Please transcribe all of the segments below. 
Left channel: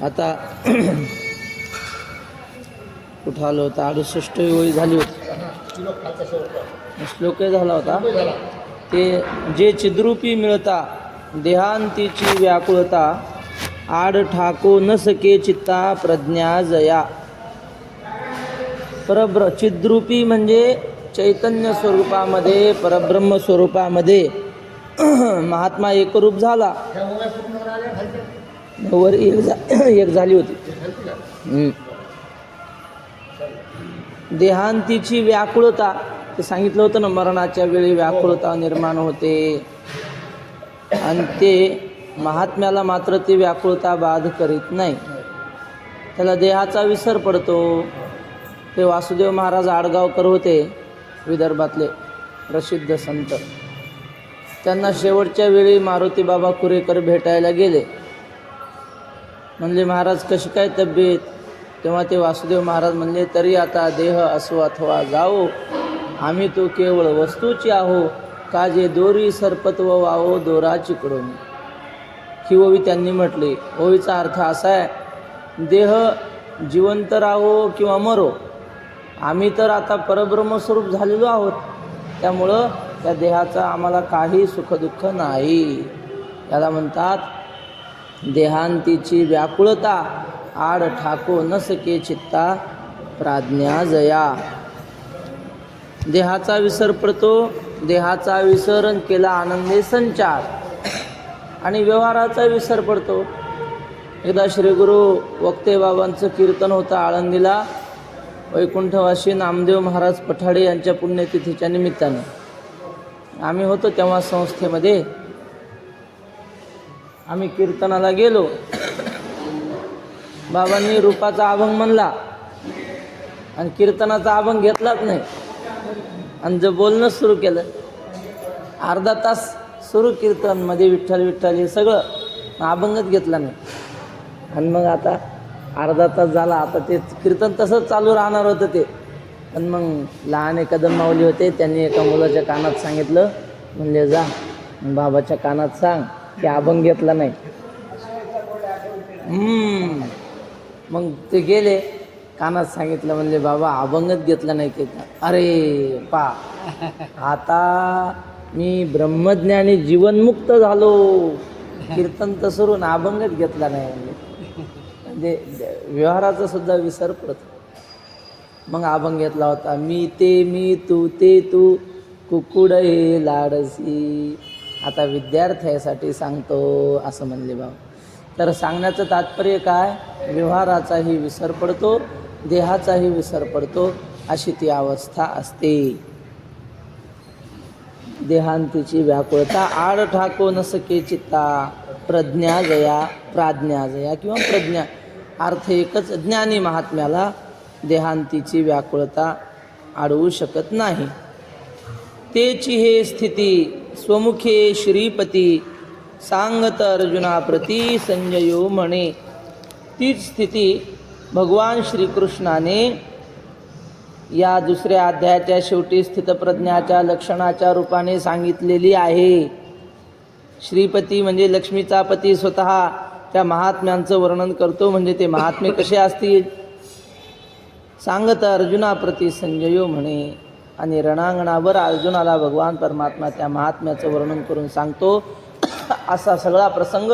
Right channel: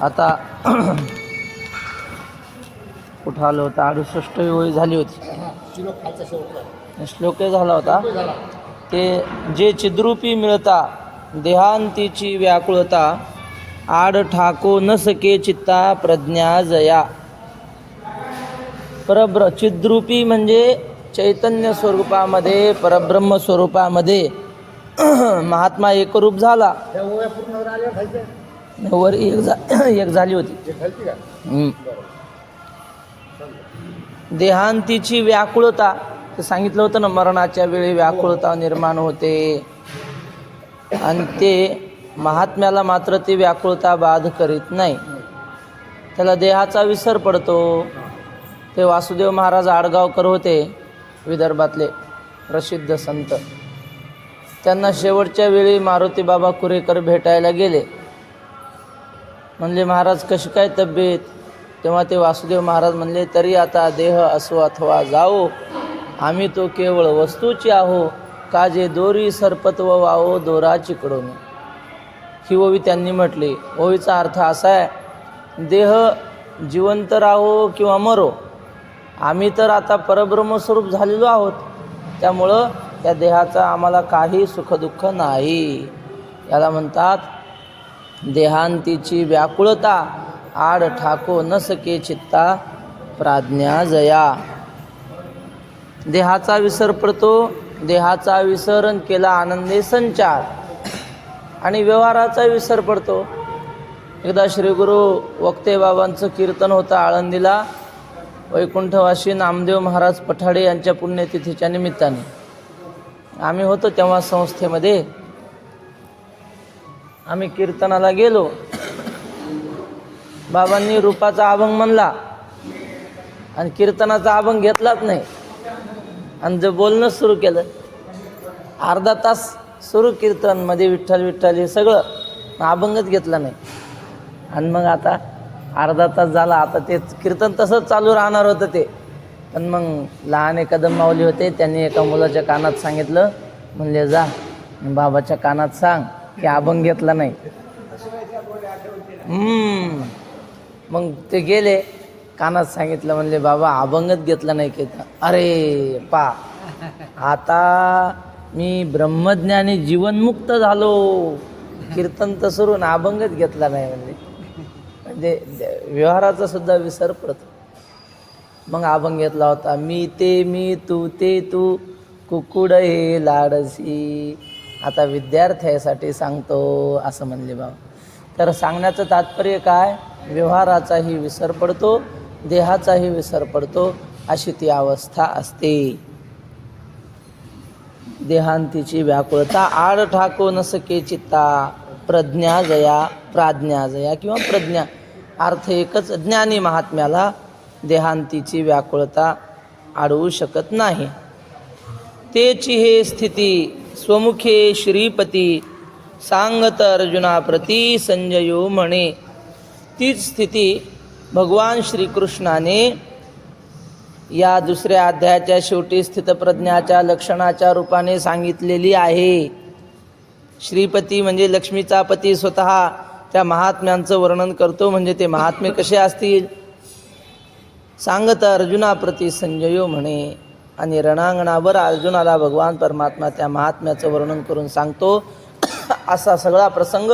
आता कुठं आलो होता 68 ओळी झाली होती, श्लोकही झाला होता ते जे चिद्रूपी मिळता देहांतीची व्याकुळता आड ठाको न सके चित्ता प्रज्ञा जया. चिद्रूपी म्हणजे चैतन्य स्वरूपामध्ये परब्रह्म स्वरूपामध्ये महात्मा एकरूप झाला. वर एक झाली होती. देहांतीची व्याकुळता ते सांगितलं होतं ना, मरणाच्या वेळी व्याकुळता निर्माण होते आणि ते महात्म्याला मात्र ती व्याकुळता बाध करीत नाही, त्याला देहाचा विसर पडतो. ते वासुदेव महाराज आडगावकर होते, विदर्भातले प्रसिद्ध संत. त्यांना शेवटच्या वेळी मारुती बाबा कुरेकर भेटायला गेले. म्हणले महाराज कशी काय तब्येत? तेव्हा ते वासुदेव महाराज म्हणले तरी आता देह असो अथवा जाओ, आम्ही तो केवळ वस्तूची आहो, का जे दोरी सर्पत्व वाहो दोरा चिकडून. ही ओवी त्यांनी म्हटली. ओवीचा अर्थ असा आहे, देह जिवंत राहो किंवा मरो, आम्ही तर आता परब्रह्मस्वरूप झालेलो आहोत, त्यामुळं त्या देहाचा आम्हाला काही सुखदुःख नाही. याला म्हणतात देहांतीची व्याकुळता आड ठाको न सके चित्ता प्राज्ञा जया. देहाचा विसर पडतो, देहाचा विसरण केला आनंदे संचार, आणि व्यवहाराचा विसर पडतो. एकदा श्री गुरु वक्ते बाबांचं कीर्तन होतं आळंदीला, वैकुंठवासी नामदेव महाराज पठाडे यांच्या पुण्यतिथीच्या निमित्ताने. आम्ही होतो तेव्हा संस्थेमध्ये, आम्ही कीर्तनाला गेलो. बाबांनी रूपाचा अभंग म्हणला आणि कीर्तनाचा अभंग घेतलाच नाही, आणि जे बोलणं सुरू केलं, अर्धा तास सुरू कीर्तन मध्ये विठ्ठल विठ्ठल हे सगळं, अभंगच घेतला नाही. आणि मग आता अर्धा तास झाला, आता ते कीर्तन तसंच चालू राहणार होतं ते. पण मग लहान एक कदम माऊली होते, त्यांनी एका मुलाच्या कानात सांगितलं, म्हणले जा बाबाच्या कानात सांग की अभंग घेतला नाही. मग ते गेले, कानात सांगितलं, म्हणले बाबा अभंगच घेतला नाही की. अरे पा, आता मी ब्रह्मज्ञानी जीवनमुक्त झालो, कीर्तन तर सुरू ना अभंगच घेतला नाही. म्हणजे व्यवहाराचा सुद्धा विसर पडतो. मग अभंग घेतला होता, मी ते मी तू ते तू कुकुड हे लाडसी. आता विद्यार्थ्यासाठी सांगतो असं म्हणले बाबा. तर सांगण्याचं तात्पर्य काय, व्यवहाराचाही विसर पडतो, देहाचाही विसर पडतो, अशी ती अवस्था असते. देहांतीची व्याकुळता आड ठाको न सके चित्ता प्रज्ञा जया. प्राज्ञा जया किंवा प्रज्ञा अर्थ एकच. ज्ञानी महात्म्याला देहांतीची व्याकुळता अडवू शकत नाही. तेची हे स्थिती स्वमुखे श्रीपती सांगत अर्जुना प्रती संजयो म्हणे. तीच स्थिती भगवान श्रीकृष्णाने या दुसऱ्या अध्यायाच्या शेवटी स्थितप्रज्ञाच्या लक्षणाच्या रूपाने सांगितलेली आहे. श्रीपती म्हणजे लक्ष्मीचा पती स्वतः त्या महात्म्यांचं वर्णन करतो. म्हणजे ते महात्मे कसे असतील. सांगत अर्जुना प्रती संजयो म्हणे, आणि रणांगणावर अर्जुनाला भगवान परमात्मा त्या महात्म्याचं वर्णन करून सांगतो. असा सगळा प्रसंग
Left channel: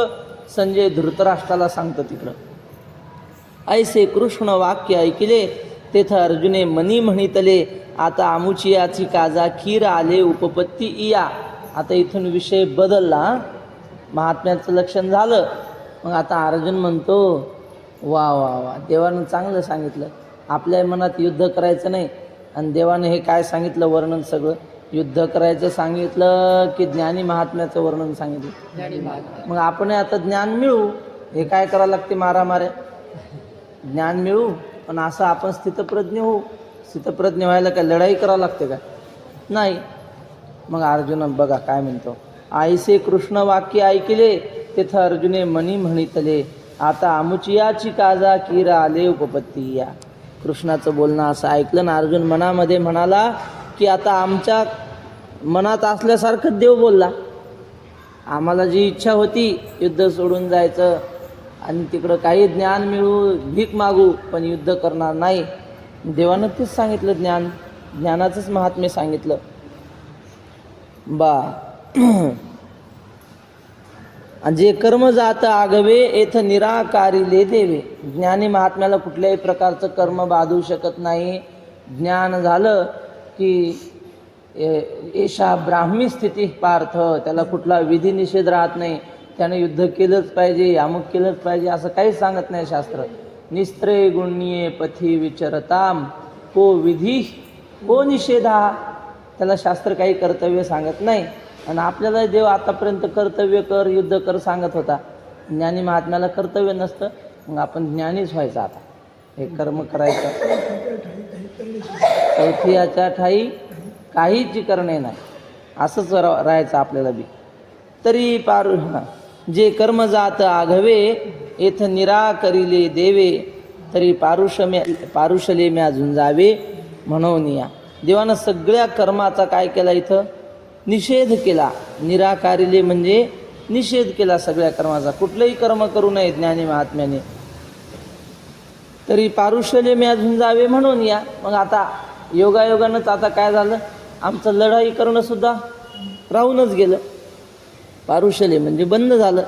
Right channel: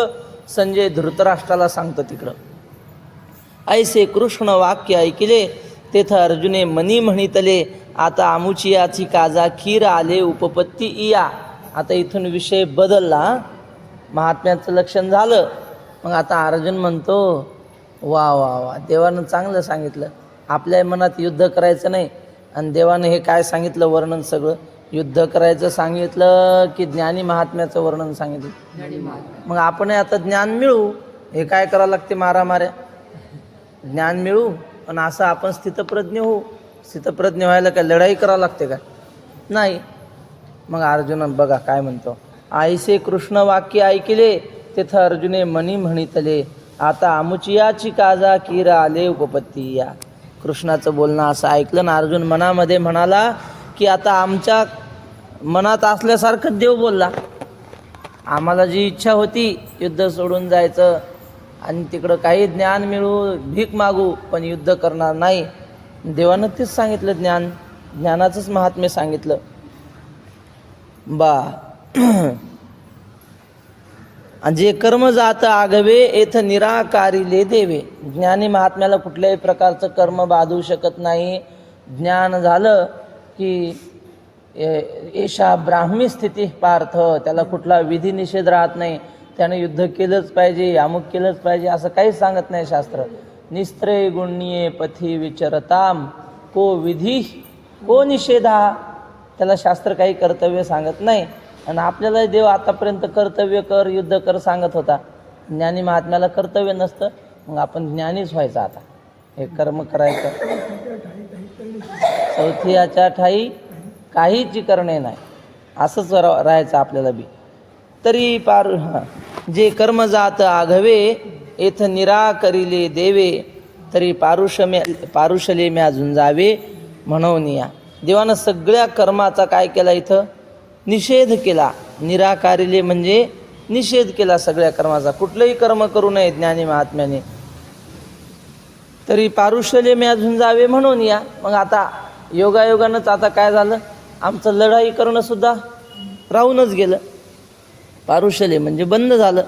संजय धृतराष्ट्राला सांगतो तिकडं. ऐसे कृष्ण वाक्य ऐकिले तेथ अर्जुने मनी म्हणितले, आता आमुचियाची काजा खीर आले उपपत्ती इया. आता इथून विषय बदलला, महात्म्याचं लक्षण झालं. मग आता अर्जुन म्हणतो, वा वा वा, देवानं चांगलं सांगितलं. आपल्या मनात युद्ध करायचं नाही, आणि देवानं हे काय सांगितलं वर्णन, सगळं युद्ध करायचं सांगितलं की ज्ञानी महात्म्याचं वर्णन सांगितलं. मग आपण आता ज्ञान मिळू, हे काय करावं लागते, मारामाऱ्या. ज्ञान मिळू, पण असं आपण स्थितप्रज्ञ होऊ. स्थितप्रज्ञ व्हायला काय लढाई करावं लागते काय? नाही. मग अर्जुन बघा काय म्हणतो, ऐसे कृष्ण वाक्य ऐकिले तेथ अर्जुने मनी म्हणितले, आता आमुचियाची काजा कीर आले उपपत्ती या. कृष्णाचं बोलणं असं ऐकलं ना अर्जुन मनामध्ये म्हणाला की आता आमच्या मनात असल्यासारखं देव बोलला. आम्हाला जी इच्छा होती युद्ध सोडून जायचं, आणि तिकडं काही ज्ञान मिळू, भीक मागू, पण युद्ध करणार नाही. देवानं तेच सांगितलं, ज्ञानाचंच महात्म्य सांगितलं. बा जे कर्म जात आगवे येथ निराकारिले देवे. ज्ञानी महात्म्याला कुठल्याही प्रकारचं कर्म बाधू शकत नाही. ज्ञान झालं की एषा ब्राह्मी स्थिती पार्थ, त्याला कुठला विधी निषेध राहत नाही. त्यानं युद्ध केलंच पाहिजे, अमुक केलंच पाहिजे असं काहीच सांगत नाही शास्त्र. निस्त्रे गुण्ये पथी विचरताम को विधी को निषेधा. त्याला शास्त्र काही कर्तव्य सांगत नाही. आणि आपल्याला देव आतापर्यंत कर्तव्य कर, युद्ध कर सांगत होता. ज्ञानी महात्म्याला कर्तव्य नसतं, मग आपण ज्ञानीच व्हायचं. आता हे कर्म करायचं. चौथीच्या ठाई काहीच करणे नाही, असंच राहायचं आपल्याला बी. तरी जे कर्म जात आघवे येथ निराकरिले देवे, तरी पारुषले म्या झुंजावे म्हणून या. देवानं सगळ्या कर्माचा काय केला, इथं निषेध केला. निराकारिले म्हणजे निषेध केला सगळ्या कर्माचा. कुठलंही कर्म करू नये ज्ञानी महात्म्याने. तरी पारुषले म्या झुंजावे म्हणून या. मग आता योगायोगानंच आता काय झालं, आमचं लढाई करणं सुद्धा राहूनच गेलं. पारुषले म्हणजे बंद झालं.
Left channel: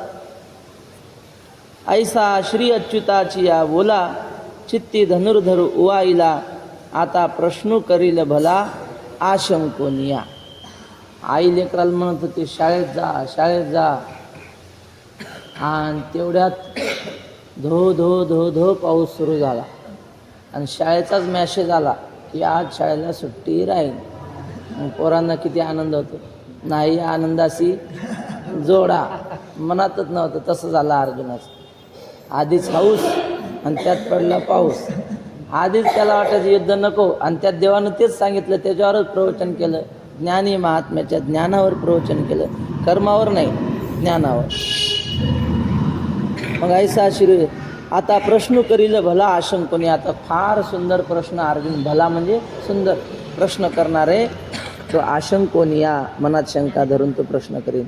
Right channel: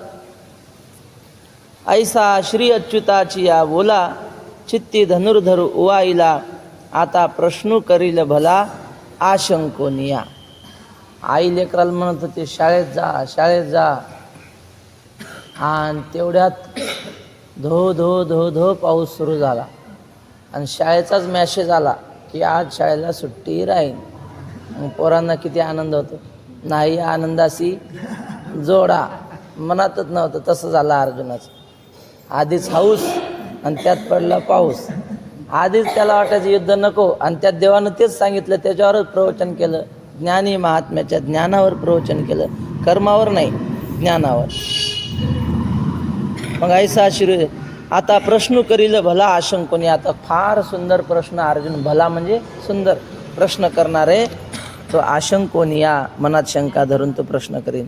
ऐसा श्री अच्युताची या बोला, चित्ती धनुर्धर उवाईला, आता प्रश्न करील भला आशंकोनिया. आई लेकराला म्हणत होते शाळेत जा, शाळेत जा. आणि तेवढ्यात धो धो धो धो पाऊस सुरू झाला. आणि शाळेचाच मॅसेज आला की आज शाळेला सुट्टी राहील. मग पोरांना किती आनंद होतो. नाही आनंदाशी जोडा, मनातच नव्हतं. तसं झालं अर्जुनाचं. आधीच हाऊस आणि त्यात पडला पाऊस. आधीच त्याला वाटायचं युद्ध नको, आणि त्यात देवानं तेच सांगितलं, त्याच्यावरच प्रवचन केलं. ज्ञानी महात्म्याच्या ज्ञानावर प्रवचन केलं, कर्मावर नाही, ज्ञानावर. मग ऐसा श्री आता प्रश्न करील भला आशंकोनी. आता फार सुंदर प्रश्न अर्जुन, भला म्हणजे सुंदर प्रश्न करणारे तो आशंकोनिया, मनात शंका धरून तो प्रश्न करीन.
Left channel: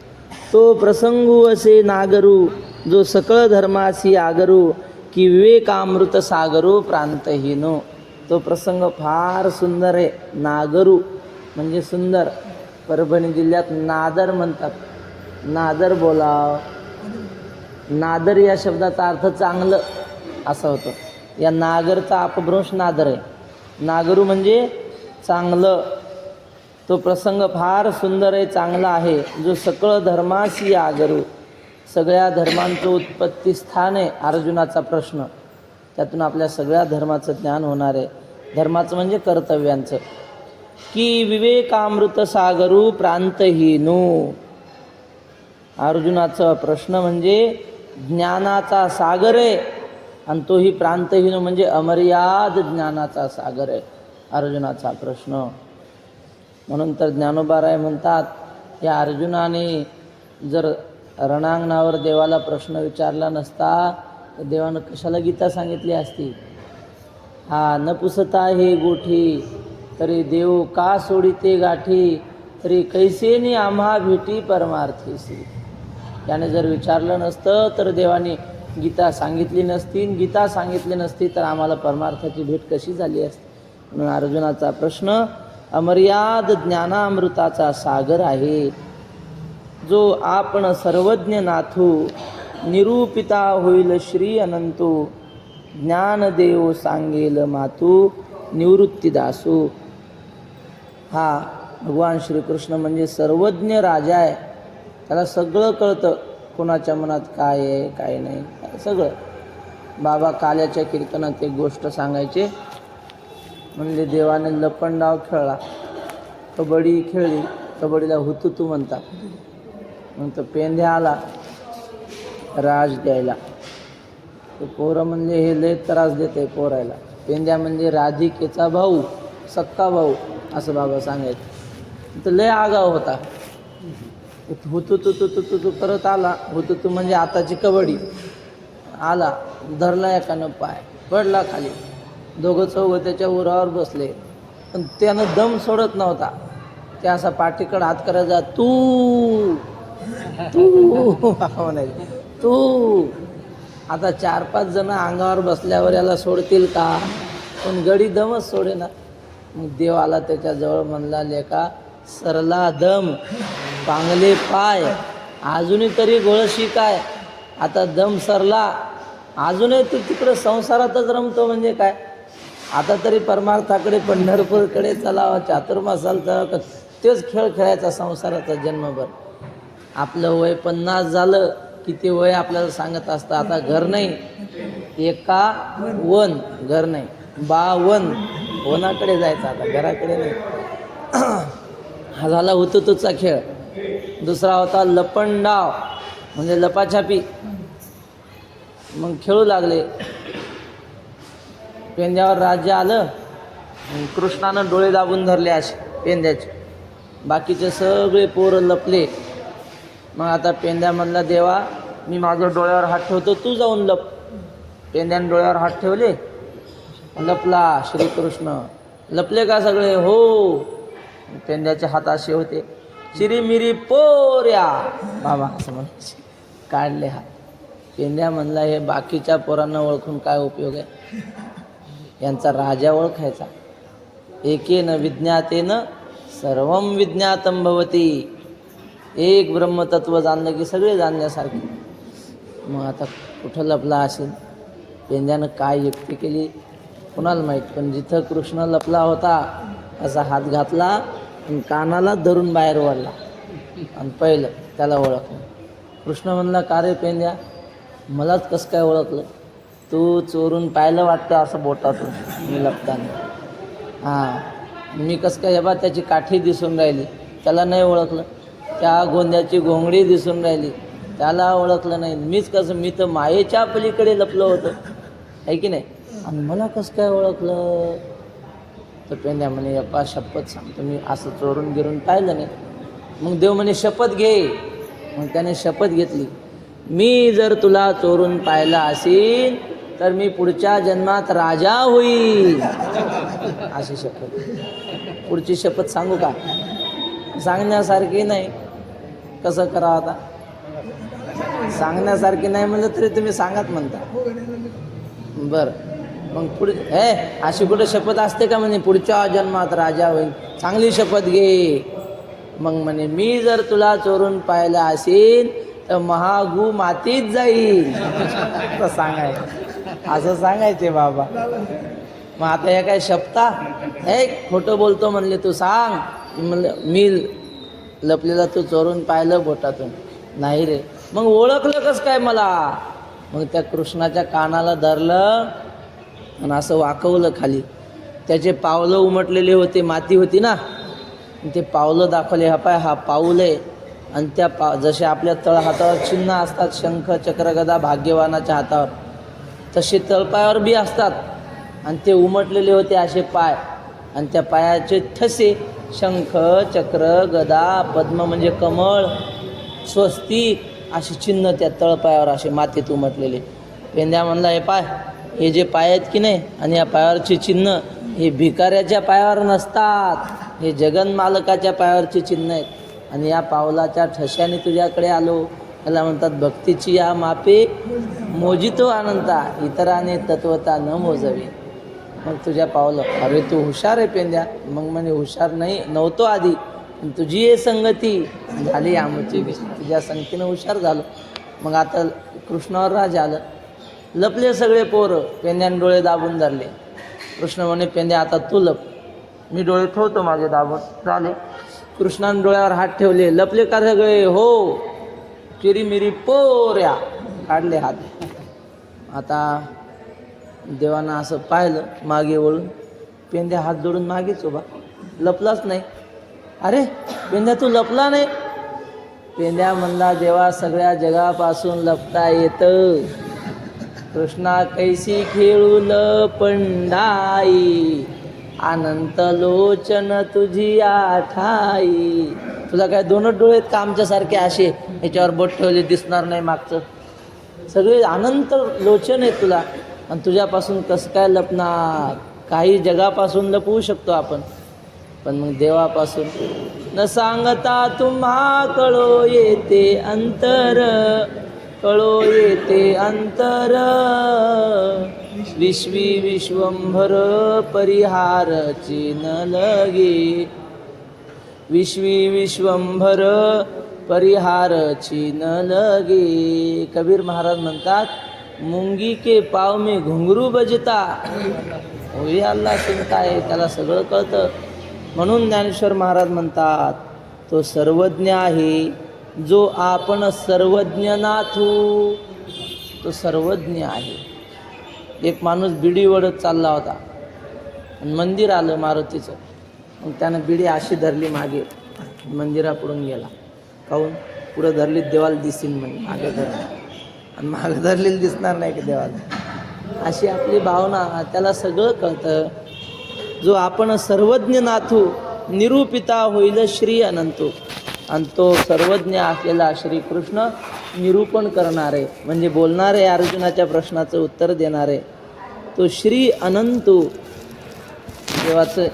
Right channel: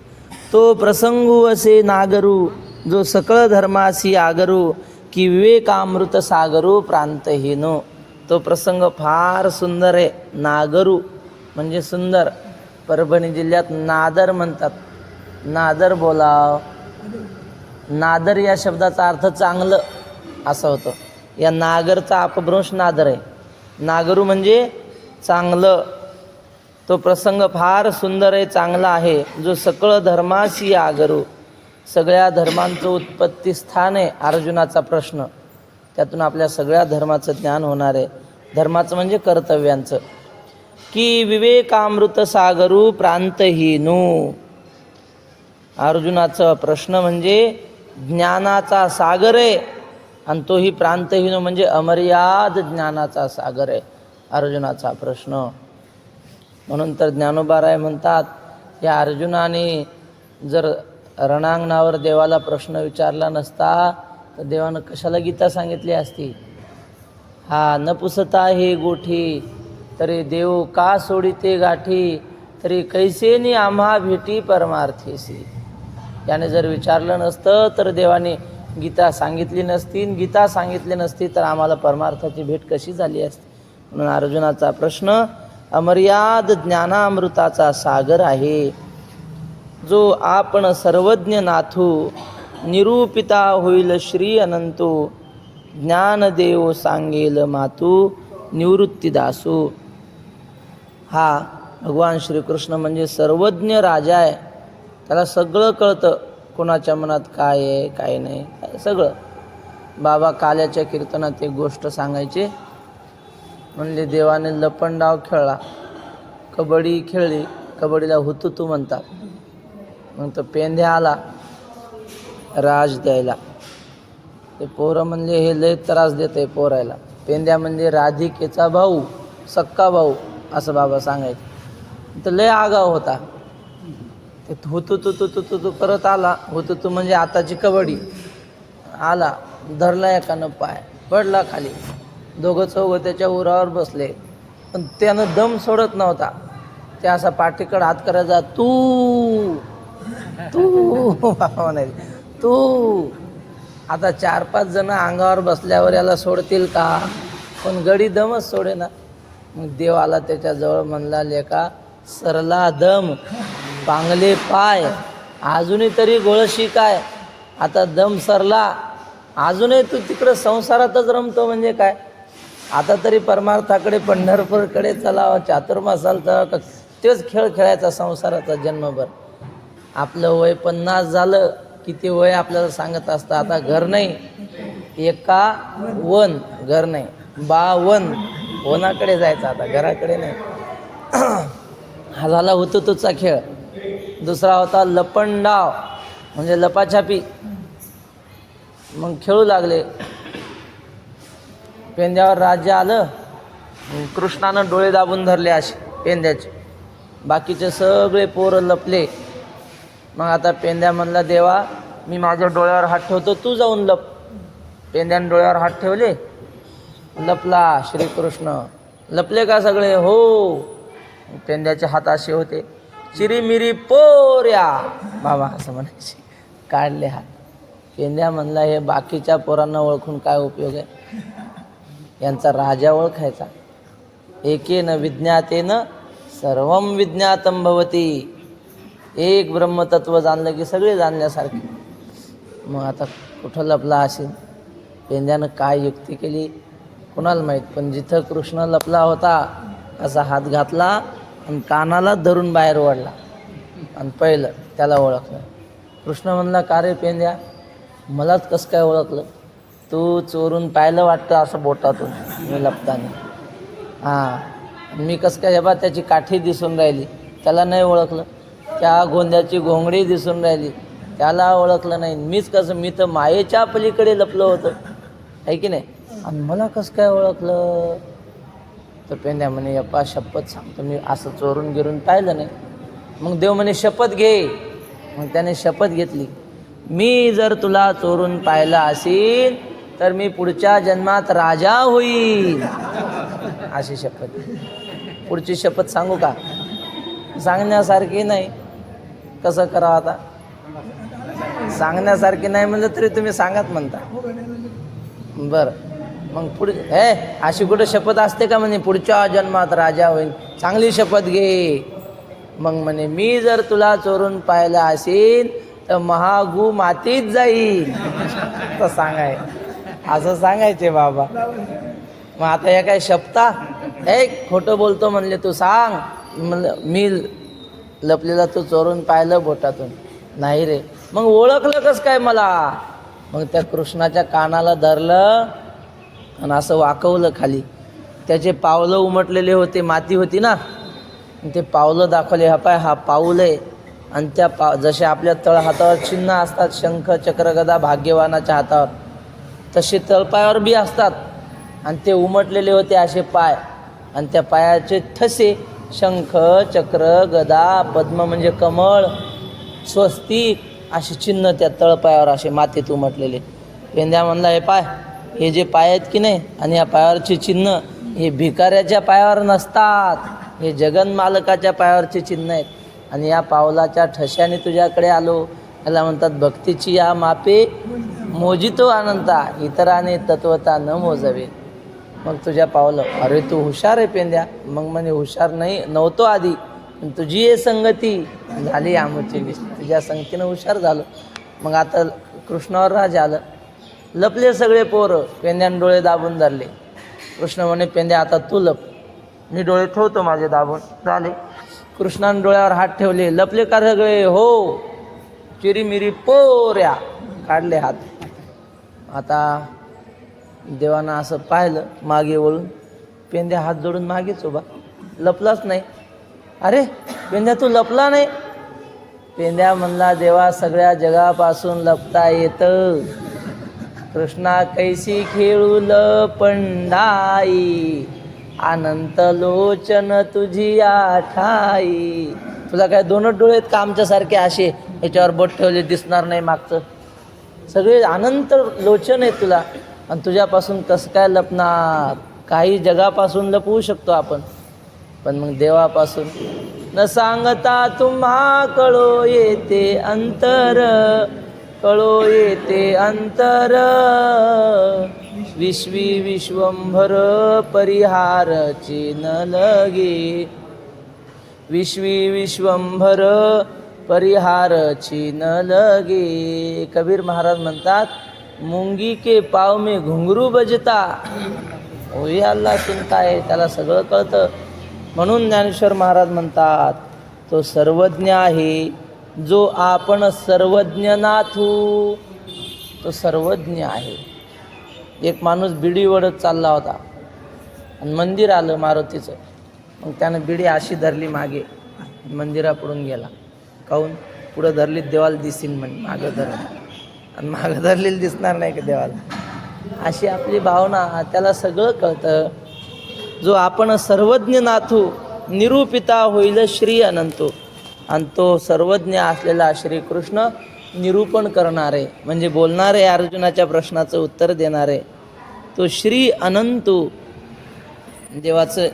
तो प्रसंगू असे नागरू, जो सकळ धर्मासी आगरू, की विवेकामृत सागरू प्रांतहीनो. तो प्रसंग फार सुंदर आहे. नागरू म्हणजे सुंदर. परभणी जिल्ह्यात नादर म्हणतात. नादर बोलाव. नादर या शब्दाचा अर्थ चांगलं असा होतो. या नागरचा अपभ्रंश नादर आहे. नागरू म्हणजे चांगलं. तो प्रसंग फार सुंदर आहे, चांगला आहे. जो सकळ धर्मासी आगरू, सगळ्या धर्मांचं उत्पत्ती स्थान आहे अर्जुनाचा प्रश्न. त्यातून आपल्या सगळ्या धर्माचं ज्ञान होणार आहे. धर्माचं म्हणजे कर्तव्यांचं. की विवेकामृत सागरू प्रांतहीनू. अर्जुनाचा प्रश्न म्हणजे ज्ञानाचा सागर आहे, आणि तोही प्रांतहीन म्हणजे अमर्याद ज्ञानाचा सागर आहे अर्जुनाचा प्रश्न. म्हणून तर ज्ञानोबाराय म्हणतात, या अर्जुनाने जर रणांगणावर देवाला प्रश्न विचारला नसता तर देवानं कशाला गीता सांगितली असती. हा न पुसता हे गोठी, तरी देव का सोडिते गाठी, तरी कैसेनी आम्हा भेटी परमार्थीसी. याने जर विचारलं नसतं तर देवाने गीता सांगितली नसती. गीता सांगितली नसती तर आम्हाला परमार्थाची भेट कशी झाली असती. म्हणून अर्जुनाचा प्रश्न अमर्याद ज्ञानामृताचा सागर आहे. जो आपण सर्वज्ञ नाथू, निरूपिता होईल श्री अनंतो, ज्ञानदेव सांगेल मातू निवृत्तीदासू. हा भगवान श्रीकृष्ण म्हणजे सर्वज्ञ राजा आहे. त्याला सगळं कळतं, कोणाच्या मनात काय आहे काय नाही सगळं. बाबा काल्याच्या कीर्तनात एक गोष्ट सांगायचे. म्हणले देवाने लपंडाव खेळला, कबड्डी खेळली, कबड्डीला हुतुतू म्हणतात. मग तो पेंध्या आला राज द्यायला. ते पोरं म्हणले हे लय त्रास देत आहे पोरायला. पेंध्या म्हणजे राधिकेचा भाऊ, सक्का भाऊ असं बाबा सांगायचं. तर लय आगाव होता. ते हुतुतू करत आला. हुतुतू म्हणजे आताची कबड्डी. आला, धरला एकानं पाय, पडला खाली. दोघं चौघं त्याच्या उरावर बसले, पण त्यानं दम सोडत नव्हता. त्या असा पाठीकडे हात करायचा, तू. आता 4-5 जण अंगावर बसल्यावर याला सोडतील का? पण गडी दमच सोडे ना. मग देव आला त्याच्याजवळ, म्हणला लेका सरला दम, पांगले पाय, अजूनही तरी गळशी काय? आता दम सरला, अजूनही तू तिकडं संसारातच रमतो म्हणजे काय? आता तरी परमार्थाकडे पंढरपूरकडे चलावं, चातुर्मासाल तर तेच खेळ खेळायचा संसाराचा जन्मभर. आपलं वय 50 झालं की ते वय आपल्याला सांगत असतं आता घर नाही, 51 घर नाही, 52 वनाकडे जायचं, आता घराकडे नाही. हा झाला हुतुतूचा खेळ. दुसरा होता लपंडाव, म्हणजे लपाछापी. मग खेळू लागले. पेंद्यावर राज्य आलं, कृष्णानं डोळे दाबून धरले असे पेंद्याचे. बाकीचे सगळे पोरं लपले. मग आता पेंद्या म्हणला देवा मी माझ्या डोळ्यावर हात ठेवतो, तू जाऊन लप. पेंद्याने डोळ्यावर हात ठेवले, लपला श्रीकृष्ण. लपले का सगळे? हो. पेंद्याचे हात असे होते, चिरीमिरी पोऱ्या बाबा असं म्हणायचे. काढले हात. पेंद्या म्हणला हे बाकीच्या पोरांना ओळखून काय उपयोग आहे? यांचा राजा ओळखायचा. एकेन विज्ञातेन सर्वम विज्ञातम भवती. एक ब्रह्मतत्व जाणलं की सगळे जाणल्यासारखे. मग आता कुठं लपला असेल? पेंद्यानं काय युक्ती केली कुणाला माहीत, पण जिथं कृष्ण लपला होता असा हात घातला आणि कानाला धरून बाहेर ओढला आणि पहिलं त्याला ओळखलं. कृष्ण म्हणला का रे पेंद्या, मलाच कसं काय ओळखलं? तू चोरून पाहिलं वाटतं असं बोटातून मी लपताना. हां, मी कसं काय? बा त्याची काठी दिसून राहिली, त्याला नाही ओळखलं. त्या गोंद्याची घोंगडी दिसून राहिली, त्याला ओळखलं नाही. मीच कसं? मी तर मायेच्या पलीकडे लपलं होतं, आहे की नाही? आणि मला कसं काय ओळखलं? तर पेंद्या म्हणे यप्पा शपथ सांगतो मी असं चोरून गिरून पाहिलं नाही. मग देव म्हणे शपथ घे. मग त्याने शपथ घेतली, मी जर तुला चोरून पाहिलं असेल तर मी पुढच्या जन्मात राजा होईल, अशी शपथ. पुढची शपथ सांगू का? सांगण्यासारखी नाही. कसं करावं आता? सांगण्यासारखी नाही म्हणलं तरी तुम्ही सांगत म्हणता. बरं, मग पुढे अशी कुठं शपथ असते का? म्हणे पुढच्या जन्मात राजा होईल. चांगली शपथ घे. मग म्हणे मी जर तुला चोरून पाहिलं असेल तर महागू मातीत जाईल. तर सांगाय असं सांगायचे बाबा. मग आता हे काय शपथा? खोटं बोलतो म्हणले तू, सांग. म्हणलं मी लपलेला तू चोरून पाहिलं बोटातून. नाही रे. मग ओळखलं कसं काय मला? मग त्या कृष्णाच्या कानाला धरलं आणि असं वाकवलं खाली. त्याचे पावलं उमटलेले होते, माती होती ना, ते पावलं दाखवले. हा पाय, हा पाऊल आहे. आणि त्या जसे आपल्या तळहातावर चिन्ह असतात, शंख चक्र गदा भाग्यवानाच्या हातावर, तसे तळपायावर बी असतात. आणि ते उमटलेले होते असे पाय, आणि त्या पायाचे ठसे शंख चक्र गदा पद्म म्हणजे कमळ स्वस्तिक असे चिन्ह त्या तळपायावर असे मातीत उमटलेले. पेंद्या म्हणला हे पाय, हे जे पाय आहेत की नाही आणि या पायावरचे चिन्ह हे भिकाऱ्याच्या पायावर नसतात, हे जगन्मालकाच्या पायावरचे चिन्ह आहेत. आणि या पावलाच्या ठशाने तुझ्याकडे आलो. याला म्हणतात भक्तीची या मापे मोजितो अनंता, इतराने तत्वता न मोजावे. मग तुझ्या पावलं. अरे तू हुशार आहे पेंद्या. मग म्हणे हुशार नव्हतो आधी, पण तुझी हे संगती झाली आमची, तुझ्या संगतीनं हुशार झालो. मग आता कृष्णावर राज आलं. लपले सगळे पोरं. पेंद्याने डोळे दाबून धरले. कृष्ण म्हणे पेंद्या आता तू लप, मी डोळे ठेवतो माझे दाबून. झाले. कृष्णाने डोळ्यावर हात ठेवले. लपले का सगळे? हो. चिरीमिरी पोऱ्या. काढले हात. आता देवानं असं पाहिलं मागे वळून. पेंद्या हात जोडून मागेच उभा, लपलाच नाही. अरे पेंद्या तू लपला नाही? पेंद्या म्हणला देवा सगळ्या जगापासून लपता येतं. कृष्णा कैसी खेळू लपंडाई, अनंत लोचन तुझी आठाई. तुला काय दोनच डोळे आहेत का आमच्यासारखे असे याच्यावर बोट ठेवले दिसणार नाही मागचं? सगळे अनंत लोचन आहेत तुला, आणि तुझ्यापासून कसं काय लपणार? काही जगापासून लपवू शकतो आपण, पण मग देवापासून न सांगता तुम्हा कळो येते अंतर. कळो येते अंतर, विश्वी विश्वंभर परिहारचे न लगे, विश्वी विश्वंभर परिहारची न लगे. कबीर महाराज म्हणतात, मुंगी के पाव में घुंगरू बजता. होई अल्लाह चिंता आहे, त्याला सगळं कळतं. म्हणून ज्ञानेश्वर महाराज म्हणतात, तो सर्वज्ञ आहे जो आपण सर्वज्ञ नाथू. तो सर्वज्ञ आहे. एक माणूस बिडी ओढत चालला होता आणि मंदिर आलं मारुतीचं. मग त्यानं बिडी अशी धरली मागे, मंदिरापुढून गेला. काहून? पुढं धरली देवाला दिसेल म्हणे, मागं धरली आणि मागं धरलेली दिसणार नाही का देवाला. अशी आपली भावना, त्याला सगळं कळतं. जो आपण सर्वज्ञ नाथू, निरूपिता होईल श्री अनंतो. आणि तो सर्वज्ञ असलेला श्रीकृष्ण निरूपण करणारे म्हणजे बोलणारे, अर्जुनाच्या प्रश्नाचं उत्तर देणारे तो श्री अनंतो. देवाचं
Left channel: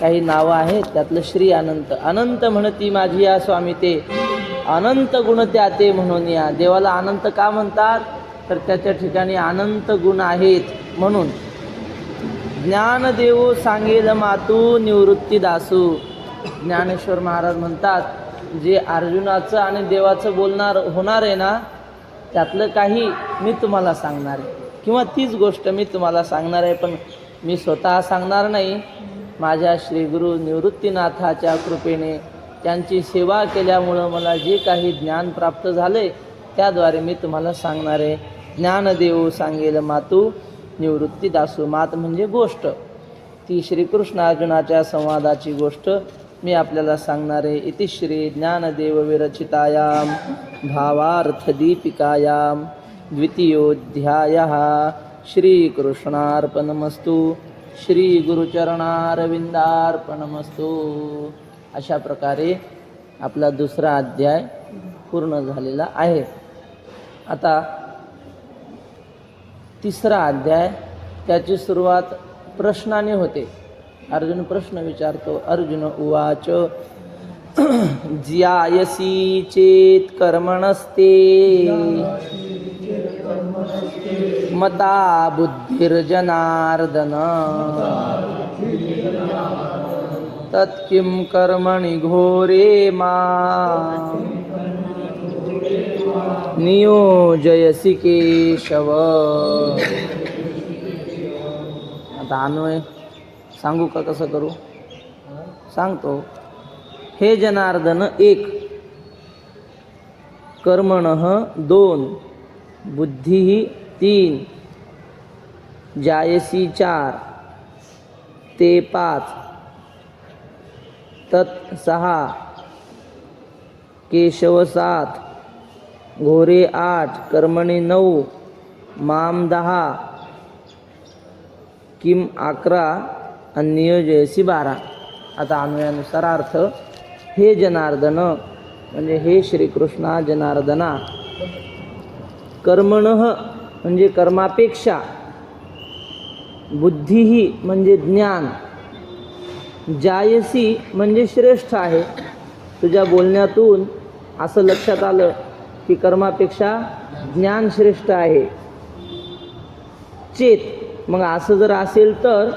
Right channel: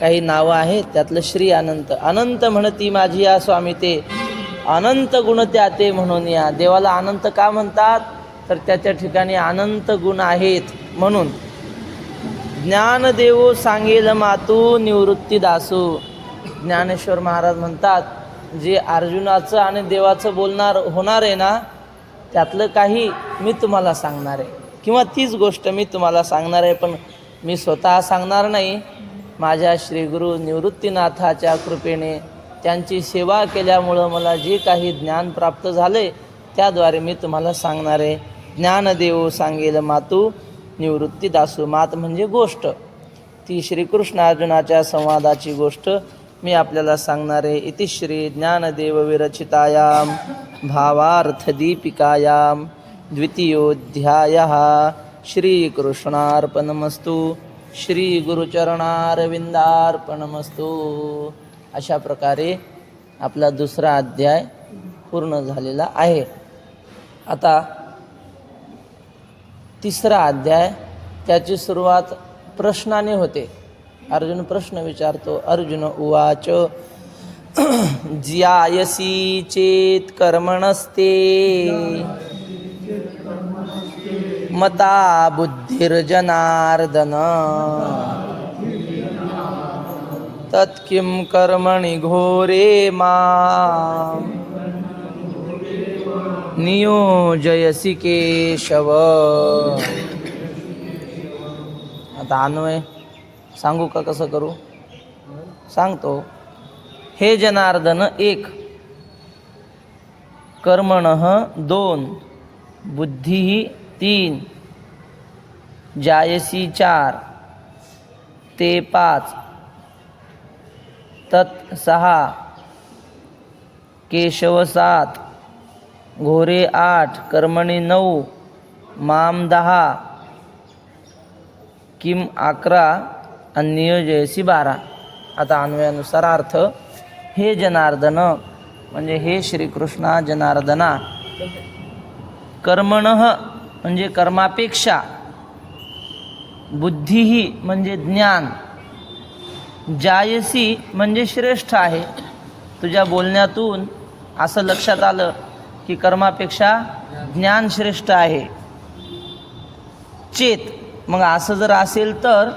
काही नावं आहेत, त्यातलं श्री अनंत. अनंत म्हणती माझी या स्वामी ते, अनंत गुण त्या ते म्हणून या. देवाला अनंत का म्हणतात? तर त्याच्या ठिकाणी अनंत गुण आहेत म्हणून. ज्ञानदेवो सांगेल मातू निवृत्ती दासू. ज्ञानेश्वर महाराज म्हणतात, जे अर्जुनाचं आणि देवाचं बोलणार होणार आहे ना, त्यातलं काही मी तुम्हाला सांगणार आहे, किंवा तीच गोष्ट मी तुम्हाला सांगणार आहे. पण मी स्वतः सांगणार नाही, माझ्या श्रीगुरु निवृत्तीनाथाच्या कृपेने त्यांची सेवा केल्यामुळं मला जे काही ज्ञान प्राप्त झाले त्याद्वारे मी तुम्हाला सांगणार आहे. ज्ञानदेव सांगेल मातू निवृत्ती दासू. मात म्हणजे गोष्ट, ती श्रीकृष्ण अर्जुनाच्या संवादाची गोष्ट मी आपल्याला सांगणार आहे. इति श्री ज्ञानदेव विरचितायां भावार्थदीपिकायां द्वितीयोऽध्यायः. श्रीकृष्णार्पणमस्तु. श्री गुरुचरणारविंदार्पणमस्तु. अशा प्रकारे आपला दुसरा अध्याय पूर्ण झालेला आहे. आता तिसरा अध्याय, त्याची सुरुवात प्रश्नाने होते. अर्जुन प्रश्न विचारतो. अर्जुन उवाच ज्यायसी चेत कर्मणस्ते मता बुद्धिर्जनार्दन, तत्किं कर्मणि घोरे मां नियोजयसि केशव. आता अन्वय सांगू का, कसं करू? सांगतो. हे जनार्दन 1, कर्मणः 2, बुद्धी 3, जायसी 4, ते 5, तत् 6, केशव 7, घोरे 8, कर्मणी 9, माम 10, किम 11 आणि नियोजयसी 12. आता अन्वयानुसार अर्थ. हे जनार्दन म्हणजे हे श्रीकृष्णा जनार्दना. कर्मणः म्हणजे कर्मापेक्षा, बुद्धीही म्हणजे ज्ञान, जायसी म्हणजे श्रेष्ठ आहे. तुझ्या बोलण्यातून असं लक्षात आलं की कर्मापेक्षा ज्ञान श्रेष्ठ आहे. चेत, मग असं जर असेल तर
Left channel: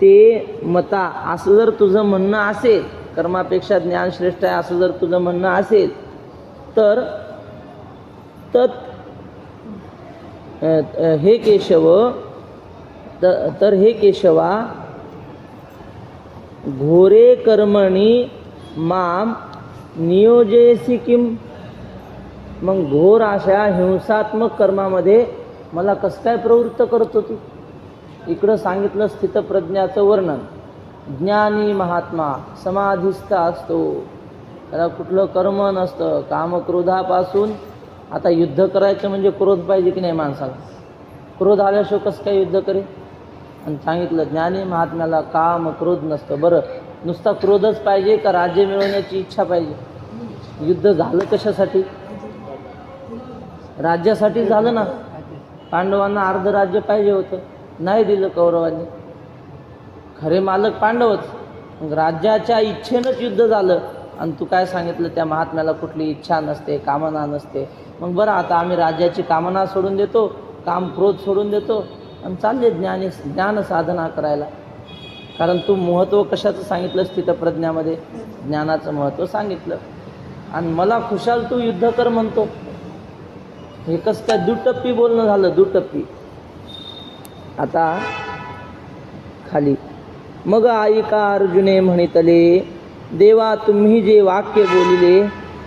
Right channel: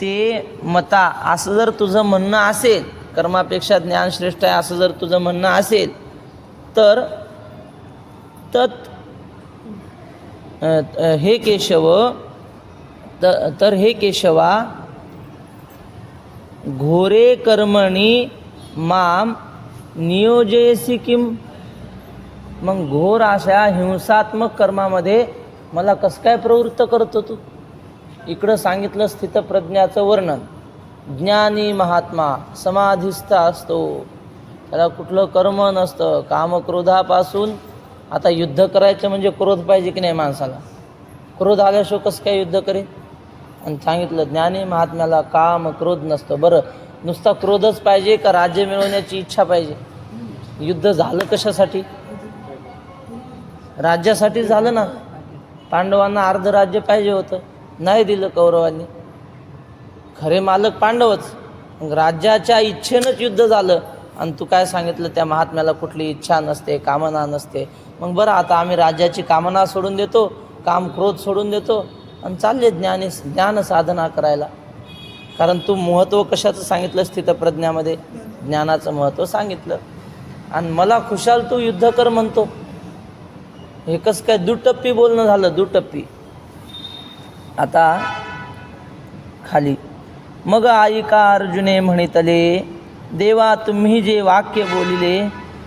ते मता, असं जर तुझं म्हणणं असेल, कर्मापेक्षा ज्ञान श्रेष्ठ आहे असं जर तुझं म्हणणं असेल तर तत् हे केशव, तर हे केशवा घोरे कर्मणी माम नियोजयसी किम. मग घोर अशा हिंसात्मक कर्मामध्ये मला कसं काय प्रवृत्त करतो तू? इकडं सांगितलं स्थितप्रज्ञाचं वर्णन. ज्ञानी महात्मा समाधिस्थ असतो, त्याला कुठलं कर्म नसतं. कामक्रोधापासून, आता युद्ध करायचं म्हणजे क्रोध पाहिजे की नाही माणसाला? क्रोध आल्याशिवाय कसं काय युद्ध करेल? आणि सांगितलं ज्ञानी महात्म्याला काम क्रोध नसतं. बरं, नुसता क्रोधच पाहिजे का राज्य मिळवण्याची इच्छा पाहिजे? युद्ध झालं कशासाठी? राज्यासाठी झालं ना. पांडवांना अर्ध राज्य पाहिजे होतं, नाही दिलं कौरवांनी. खरे मालक पांडवच. राज्याच्या इच्छेनंच युद्ध झालं. आणि तू काय सांगितलं त्या महात्म्याला कुठली इच्छा नसते, कामना नसते. मग बरं, आता आम्ही राज्याची कामना सोडून देतो, काम क्रोध सोडून देतो आणि चालले ज्ञान साधना करायला. कारण तू महत्त्व कशाचं सांगितलं स्थितप्रज्ञामध्ये? ज्ञानाचं महत्त्व सांगितलं. आणि मला खुशाल तू युद्ध कर म्हणतो. हे कसं काय दुटप्पी बोलणं झालं, दुटप्पी. आता खाली मग ऐका अर्जुने म्हणितले, देवा तुम्ही जे वाक्य बोलिले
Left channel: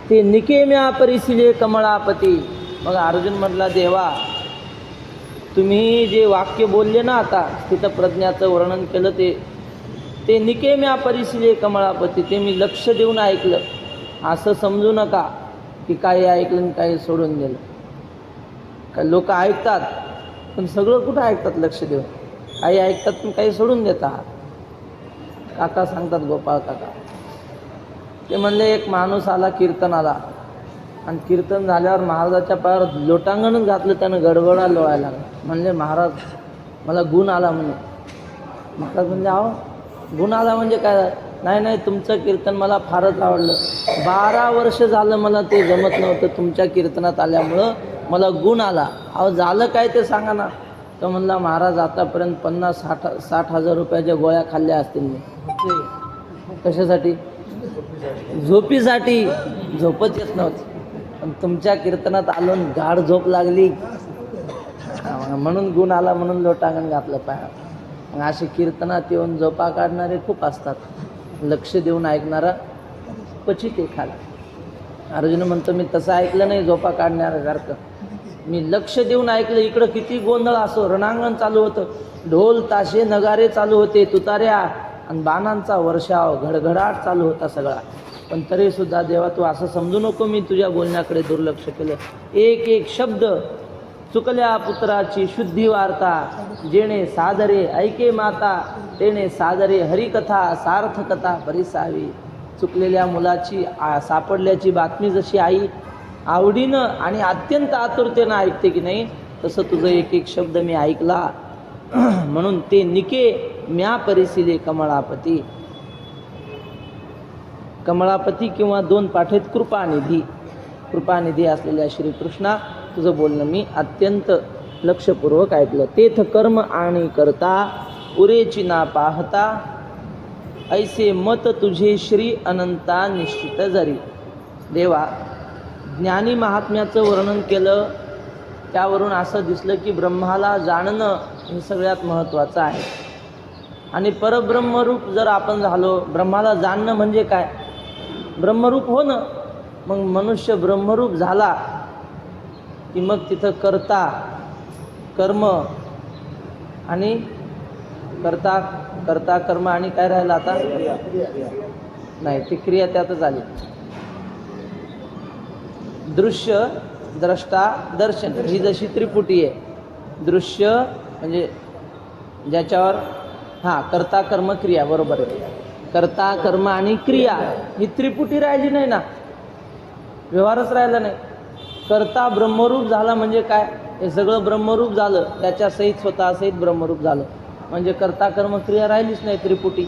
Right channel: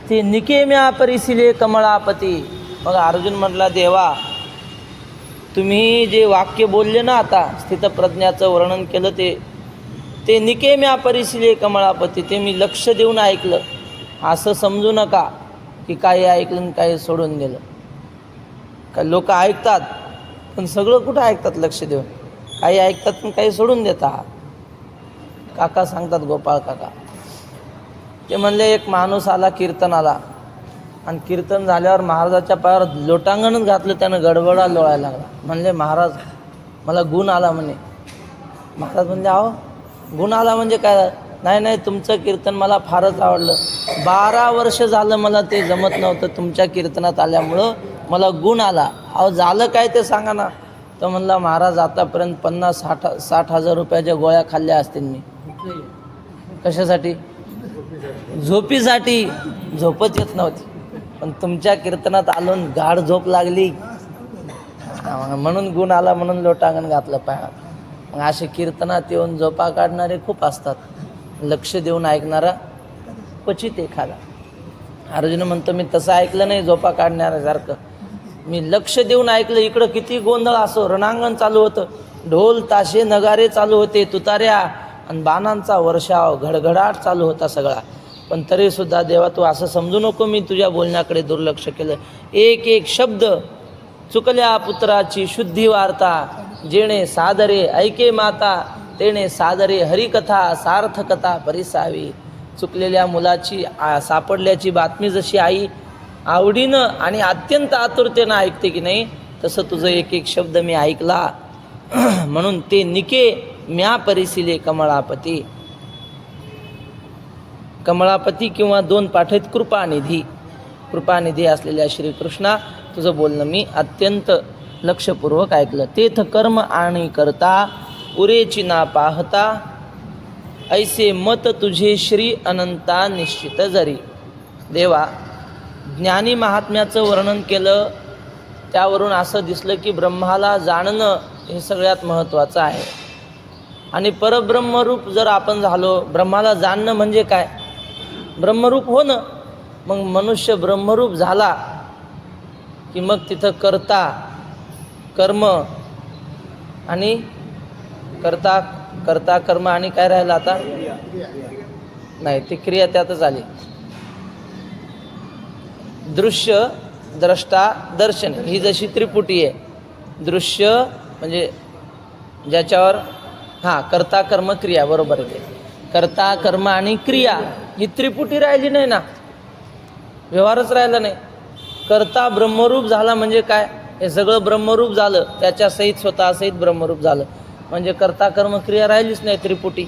ते निकेम्या परिसिले कमळापती. मग अर्जुन म्हटला, देवा तुम्ही जे वाक्य बोलले ना, आता स्थितप्रज्ञाचं वर्णन केलं ते निकेम्या परिसिले कमळापती, ते मी लक्ष देऊन ऐकलं. असं समजू नका की काही ऐकलं आणि काही सोडून दिलं. का लोक ऐकतात पण सगळं कुठं ऐकतात लक्ष देऊन? काही ऐकतात पण काही सोडून देतात. काका सांगतात, गोपाळ काका, ते म्हणले एक माणूस आला कीर्तनाला आणि कीर्तन झाल्यावर महाराजाच्या पायावर लोटांगणच घातलं, त्यानं गडबडा लोळायला लागला. म्हणले महाराज मला गुण आला म्हणे. महाराज म्हणले अहो गुण आला म्हणजे काय? नाही तुमचं कीर्तन मला फारच आवडलं. 12 वर्ष झालं मला ते जमत नव्हतं, तुमच्या कीर्तनात आल्यामुळं मला गुण आला. अहो झालं काय ते सांगा ना. तर म्हणला महाराज आतापर्यंत 50-60 हजार रुपयाच्या गोळ्या खाल्ल्या असतील मी. कशासाठी? झोपीसाठी. झोपच येत नव्हती, पण तुमच्या कीर्तनात आलो गाढ झोप लागली म्हणून गुण आला, म्हणून लोटांगण घातलं पाया. असे कीर्तनात येऊन झोपा काढणारे खूप असतात, लक्ष देऊन ऐकणारा क्वचित एखादा. अर्जुन म्हणतो मी तसं ऐकलं नाही झोपा काढणाऱ्यासारखं, मी लक्ष देऊन ऐकलं. इकडं किती गोंधळ असो, रणांगण चालू होतं, ढोल ताशे नगारे चालू होते, तुताऱ्या आणि बाणांचा वर्षाव घडघडाट चालू होता सगळा. पण तरीसुद्धा देवा तू असं समजू नको मी तुझ्या बोलण्याकडे दुर्लक्ष केलं. एक एक शब्द चुकल्या पुत्राची शुद्धी वार्ता, जेणे सादरे ऐके माता तेणे सादरे हरिकथा सार्थकथा परिसावी. चुकलेल्या मुलाची सापडल्याची बातमी जशी आई आवडीनं आणि अत्यंत आतुरतेनं ऐकते की नाही, तसं तुझं एक एक शब्द मी ऐकला. म्हणून ते निके म्या परिसिले कमळापती. कमळापती किंवा 2 पाठ आहेत कृपानिधी. कृपानिधी असलेल्या श्रीकृष्णा तुझं बोलणं मी अत्यंत लक्षपूर्वक ऐकलं. तेथ कर्म आणि करता उरेची ना पाहता, ऐसे मत तुझे श्री अनंता निश्चित जरी. देवा ज्ञानी महात्म्याचं वर्णन केलं, त्यावरून असं दिसलं की ब्रह्माला जाणणं हे सगळ्यात महत्त्वाचं आहे. आणि परब्रह्मरूप जर आपण झालो, ब्रह्माला जाणणं म्हणजे काय? ब्रह्मरूप होणं. मग मनुष्य ब्रह्मरूप झाला की मग तिथं करता कर्म आणि करता कर्म आणि काय राहिलं आता? नाही, ती क्रिया त्यातच आली. दृश्य द्रष्टा दर्शन ही जशी त्रिपुटी आहे. दृश्य म्हणजे ज्याच्यावर कर्ता कर्म क्रिया, बरोबर आहे. कर्ता कर्म आणि क्रिया ही त्रिपुटी राहिली नाही ना, व्यवहारच राहिला नाही. कर्ता ब्रह्मरूप झाला म्हणजे काय? हे सगळं ब्रह्मरूप झालं, त्याच्या सहित स्वतः सहित ब्रह्मरूप झालं म्हणजे कर्ता कर्म क्रिया राहिलीच नाही, त्रिपुटी.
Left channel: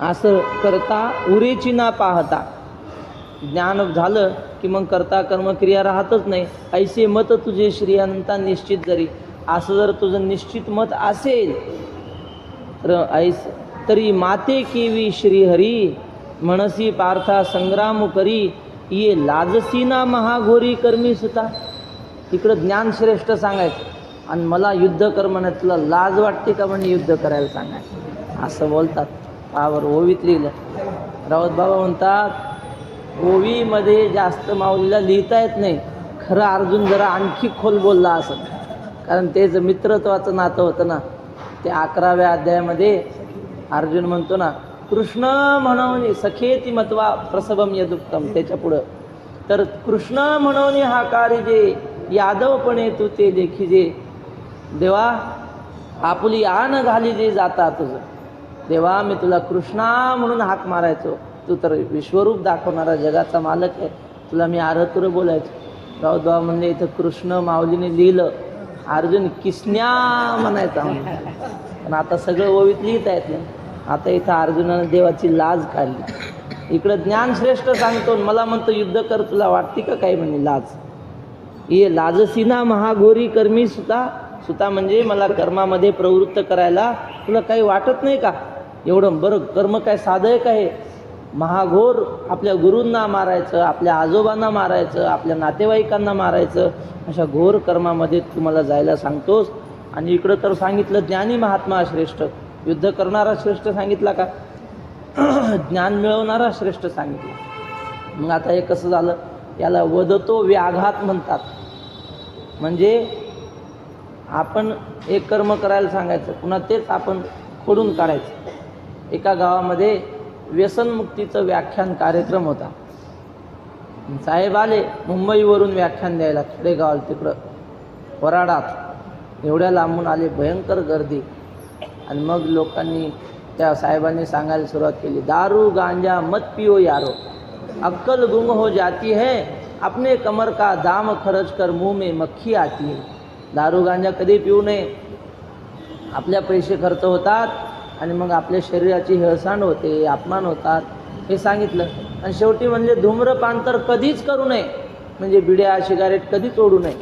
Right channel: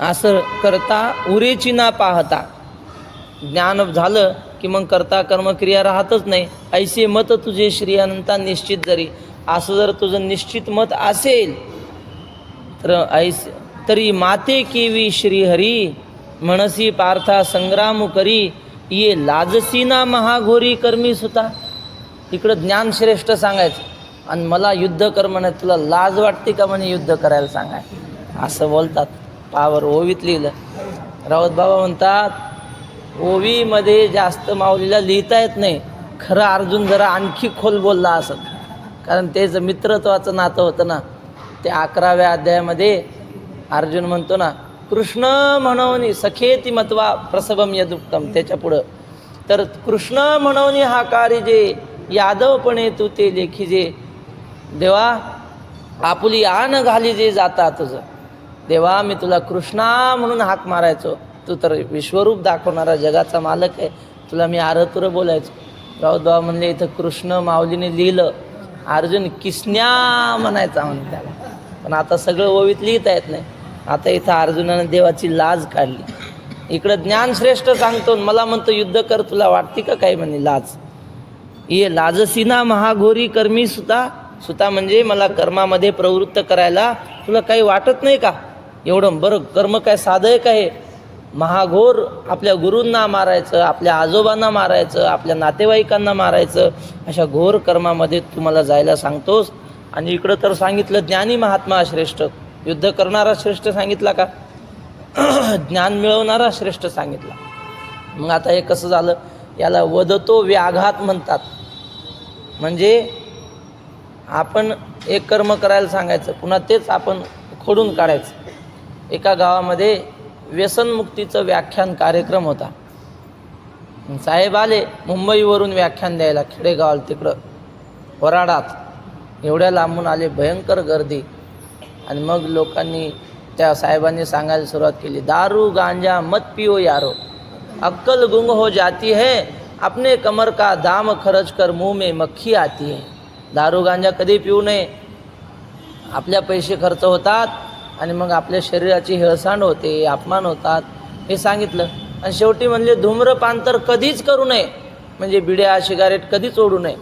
असं करता उरेची ना पाहता, ज्ञान झालं की मग करता कर्म क्रिया राहतच नाही. ऐसे मत तुझे श्री अनंता निश्चित जरी. असं जर तुझं निश्चित मत असेल तर ऐसे तरी माते केवी श्रीहरी, म्हणसी पार्था संग्राम करी, ये लाजसीना महाघोरी कर्मी सुता. इकडं ज्ञानश्रेष्ठ सांगायचं आणि मला युद्ध कर म्हणत, तुला लाज वाटते का म्हणे युद्ध करायला सांगायचं? असं बोलतात. पावर ओवीत लिहिलं. राऊत बाबा म्हणतात ओवीमध्ये जास्त माऊलीला लिहिता येत नाही. खरं अर्जुन जरा आणखी खोल बोलला असं, कारण त्याचं मित्रत्वाचं नातं होतं ना. ते 11व्या अध्यायामध्ये अर्जुन म्हणतो ना, कृष्ण म्हणून सखेती मत्वा प्रसवम यदुक्तम. त्याच्या पुढं तर कृष्ण म्हणून हा कार्य जे यादवपणे तू ते लेखीजे, देवा आपुली आन घाली जे जाता तुझं. देवा मी तुला कृष्णा म्हणून हाक मारायचो, तू तर विश्वरूप दाखवणारा जगाचा मालक आहे, तुला मी आरतुर बोलायचो. राऊत बाबा म्हणले इथं कृष्ण माऊलीने लिहिलं, अर्जुन किसन्या म्हणायचा म्हणून. पण आता सगळं ओवीत लिहिता येत नाही. आता इथं अर्जुनानं देवाची लाज काढली. इकडं ज्ञान श्रेष्ठ सांगतो, मला म्हणतो युद्ध कर, तुला वाटते का काही म्हणे लाज? ये लाजसीना महाघोरी कर्मी सुता, सुता म्हणजे मला कर्मामध्ये प्रवृत्त करायला तुला काही वाटत नाही का? एवढं बरं कर्म काय साधं आहे का? हे महाघोर आपल्या गुरूंना मारायचं, आपल्या आजोबांना मारायचं, आपल्या नातेवाईकांना मारायचं, अशा घोर कर्मामध्ये तुम्हाला जायला सांगतोस. आणि इकडं तर सांगितलं ज्ञानी महात्मा श्रेष्ठ, युद्ध करणारा श्रेष्ठ सांगितला का? ज्ञान मिळवणारा श्रेष्ठ सांगितलं. मग आता हे कसं झालं? याला वदतो व्याघात म्हणतात. म्हणजे आपण एक कर्म करायला सांगायचं, पुन्हा तेच आपण खोडून काढायचं. एका गावामध्ये व्यसनमुक्तीचं व्याख्यान कार्यक्रम होता. साहेब आले मुंबईवरून व्याख्यान द्यायला खेडेगावाला, तिकडं वराडात. एवढ्या लांबून आले, भयंकर गर्दी. आणि मग लोकांनी, त्या साहेबांनी सांगायला सुरुवात केली, दारू गांजा मत पिओ यारो, अक्कल गुंग हो जाती है, अपने कमर का दाम खर्च कर मुंह में मक्खी आती है. दारू गांजा कधी पिऊ नये, आपल्या पैसे खर्च होतात आणि मग आपल्या शरीराची हेळसांड होते, अपमान होतात, हे सांगितलं. आणि शेवटी म्हणजे धूम्रपान तर कधीच करू नये, म्हणजे बिड्या सिगारेट कधीच ओढू नये.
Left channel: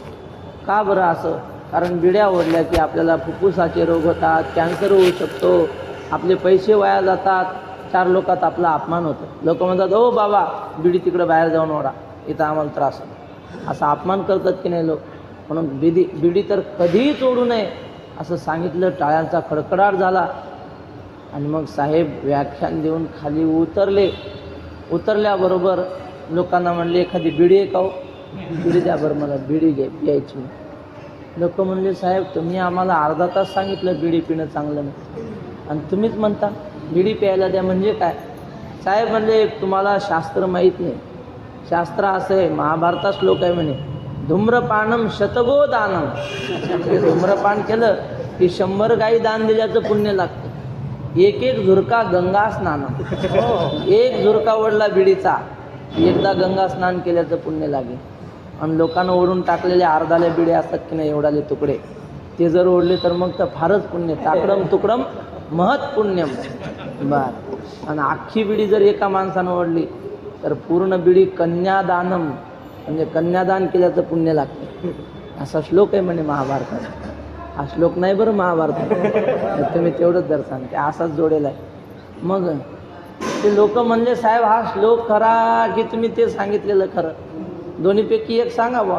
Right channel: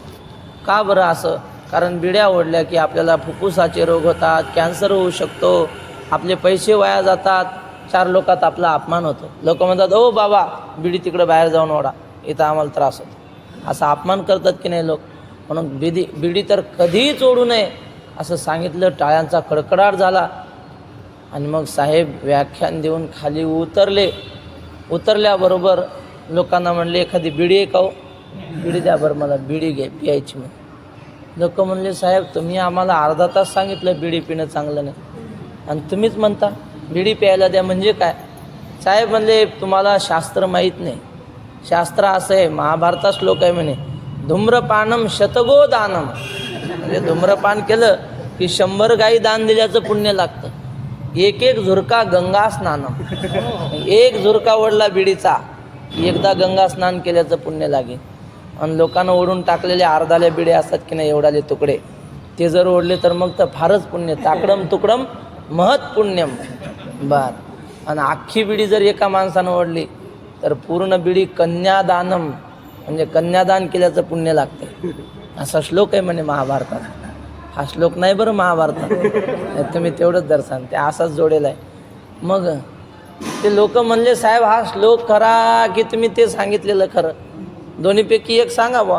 का बरं असं? कारण बिड्या ओढल्या की आपल्याला फुफ्फुसाचे रोग होतात, कॅन्सर होऊ शकतो, आपले पैसे वाया जातात, चार लोकात आपला अपमान होतो. लोक म्हणतात, ओ बाबा बिडी तिकडं बाहेर जाऊन ओढा, इथं आम्हाला त्रास होतो. असा अपमान करतात की नाही लोक. म्हणून बिडी तर कधीच ओढू नये असं सांगितलं. टाळ्यांचा कडकडाट झाला. आणि मग साहेब व्याख्यान देऊन खाली उतरले. उतरल्याबरोबर लोकांना म्हणले, एखादी बिडी आहे का हो? बिडी द्या बरं, मला बिडी घे प्यायची. मग लोक म्हणले, साहेब तुम्ही आम्हाला अर्धा तास सांगितलं बिडी पिणं चांगलं नाही, आणि तुम्हीच म्हणता बिडी प्यायला द्या, म्हणजे काय? साहेब म्हणले, तुम्हाला शास्त्र माहीत नाही. शास्त्र असं आहे, महाभारतात श्लोक आहे म्हणे, धूम्रपानम शतगो दानम. म्हणजे धूम्रपान केलं की 100 गाई दान दिल्याचं पुण्य लागतं. एक एक झुरका गंगा स्नानम, एक झुरका ओढला बिडीचा, एकदा गंगा स्नान केल्याचं पुण्य लागेल. आणि लोकांना ओढून टाकलेले अर्धाले बिडे असतात की नाही, एवढाले तुकडे, ते जर ओढले तर मग तर फारच पुण्य. ताकडम तुकडम महत् पुण्यम. बर. आणि अख्खी बिडी जर एका माणसानं ओढली तर पूर्ण बिडी कन्यादानम, म्हणजे कन्यादान केल्याचं पुण्य लागते. असा श्लोक आहे म्हणे महाभारतात. हा श्लोक नाही बरं महाभारतात, तुम्ही तेवढंच दर्शन, ते असाच जोडेला आहे. मग ते लोक म्हणले, साहेब हा श्लोक खरा की तुम्ही ते सांगितलेलं खरं? दोन्हीपैकी एक सांगा बा.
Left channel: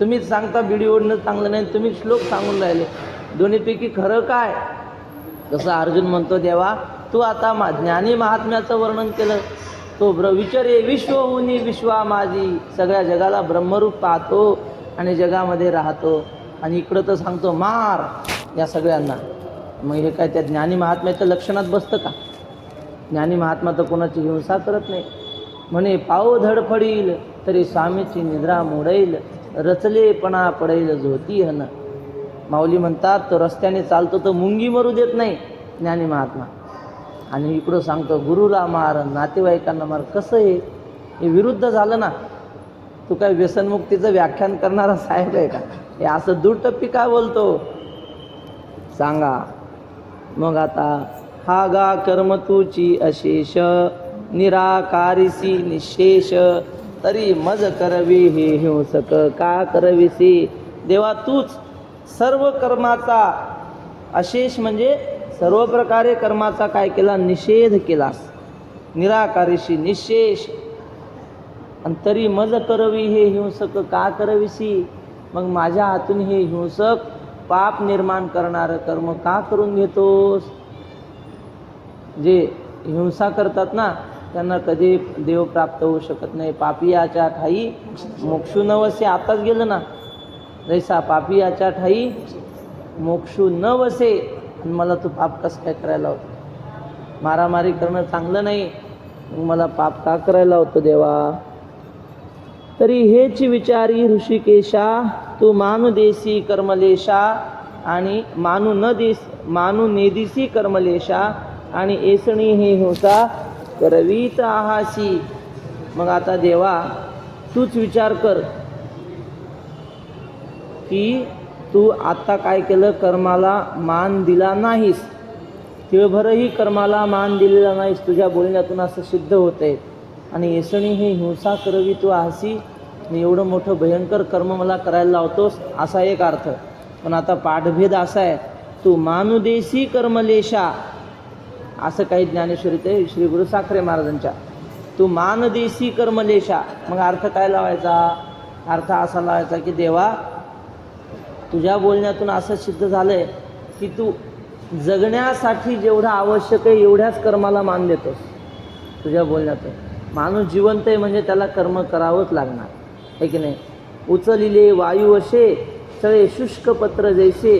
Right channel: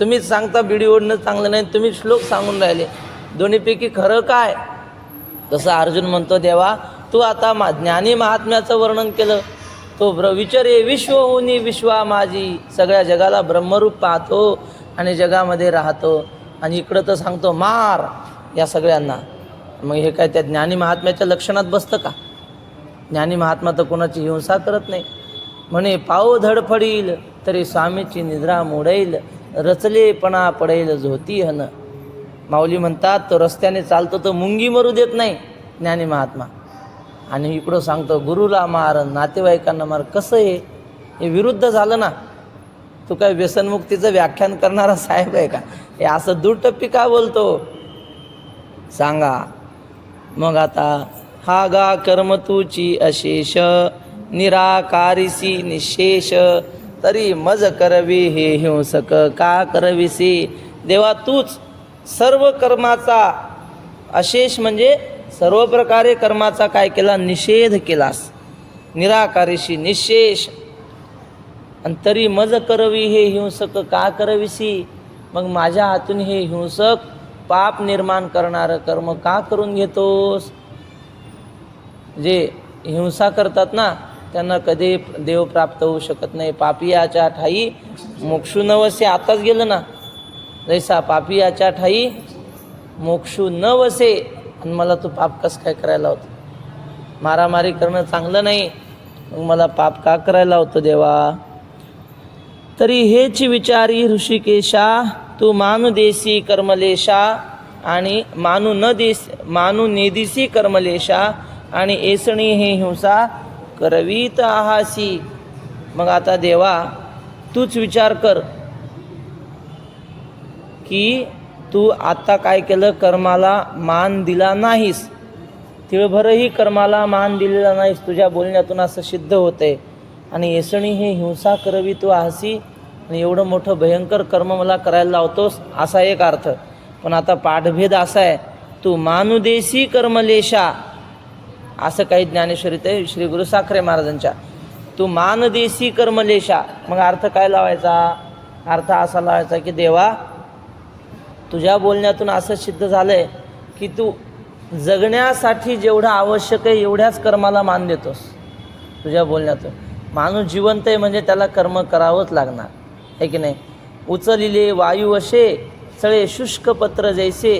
तुम्हीच सांगता बिडी ओढणं चांगलं नाही, तुम्ही श्लोक सांगून राहिले, दोन्हीपैकी खरं काय? तसं अर्जुन म्हणतो, देवा तू आता ज्ञानी महात्म्याचं वर्णन केलं, तो विचारे विश्व होनी विश्वा माझी, सगळ्या जगाला ब्रह्मरूप पाहतो आणि जगामध्ये राहतो, आणि इकडं तर सांगतो मार या सगळ्यांना. मग हे काय त्या ज्ञानी महात्म्याच्या लक्षणात बसतं का? ज्ञानी महात्मा तर कोणाची हिंसा करत नाही. म्हणे पाव धडफडील तरी स्वामीची निद्रा मोडेल, रचलेपणा पडेल झोती हन. माऊली म्हणतात, तो रस्त्याने चालतो तर मुंगी मरू देत नाही ज्ञानी महात्मा, आणि इकडं सांगतो गुरुला मार, नातेवाईकांना मार. कसं हे विरुद्ध झालं ना. तू काय व्यसनमुक्तीचं व्याख्यान करणारा साहेब आहे का? हे असं दुटप्पी का बोलतो सांगा. मग आता हा गा कर्म तुची अशेष, निराकारिसी निशेष, तरी मज करवी हे हिंसक का करविसी. देवा तूच सर्व कर्माचा अशेष, म्हणजे सर्व प्रकारे कर्माचा काय केला? निषेध केलास. निराकारिशी निशेष, आणि तरी मज करवी हे हिंसक का करविसी. मग माझ्या हातून हे हिंसक पाप निर्माण करणारं कर्म का करून घेतोस? जे हिंसा करतात ना त्यांना कधी देव प्राप्त होऊ शकत नाही. पापियाच्या ठाई मोक्षू न वसे. आताच गेलं ना, जैसा पापियाच्या ठाई मोक्षू न वसे. आणि मला तो पाप कसं काय करायला होतो? मारामारी करणं चांगलं नाही, मग मला पाप का करायला होतो देवा? तरी हेच विचारी ऋषिकेशा, तू मानू देसी कर्मलेशा आणि मानू नेदिसी कर्मलेशा, आणि एसणी हे हिंसा करवीत आहासी. मग आता देवा तूच विचार कर की तू आता काय केलं? कर्माला मान दिला नाहीस, तिळभरही कर्माला मान दिलेला नाहीस. तुझ्या बोलण्यातून असं सिद्ध होतंय. आणि येसणी हे हिंसा करवी तू आसी, आणि एवढं मोठं भयंकर कर्म मला करायला लावतोस, असा एक अर्थ. पण आता पाठभेद असा आहे, तू मानुदेशी कर्मलेशा, असं काही ज्ञानेश्वरीत आहे श्री गुरु साखरे महाराजांच्या. तू मानदेशी कर्मलेशा, मग अर्थ काय लावायचा? अर्थ असा लावायचा की देवा, तुझ्या बोलण्यातून असं सिद्ध झालंय की तू जगण्यासाठी जेवढं आवश्यक आहे एवढ्याच कर्माला मान देतोस. तुझ्या बोलण्यातून माणूस जिवंत आहे म्हणजे त्याला कर्म करावंच लागणार आहे की नाही. उचलिले वायू असे सळे शुष्क पत्र जैसे,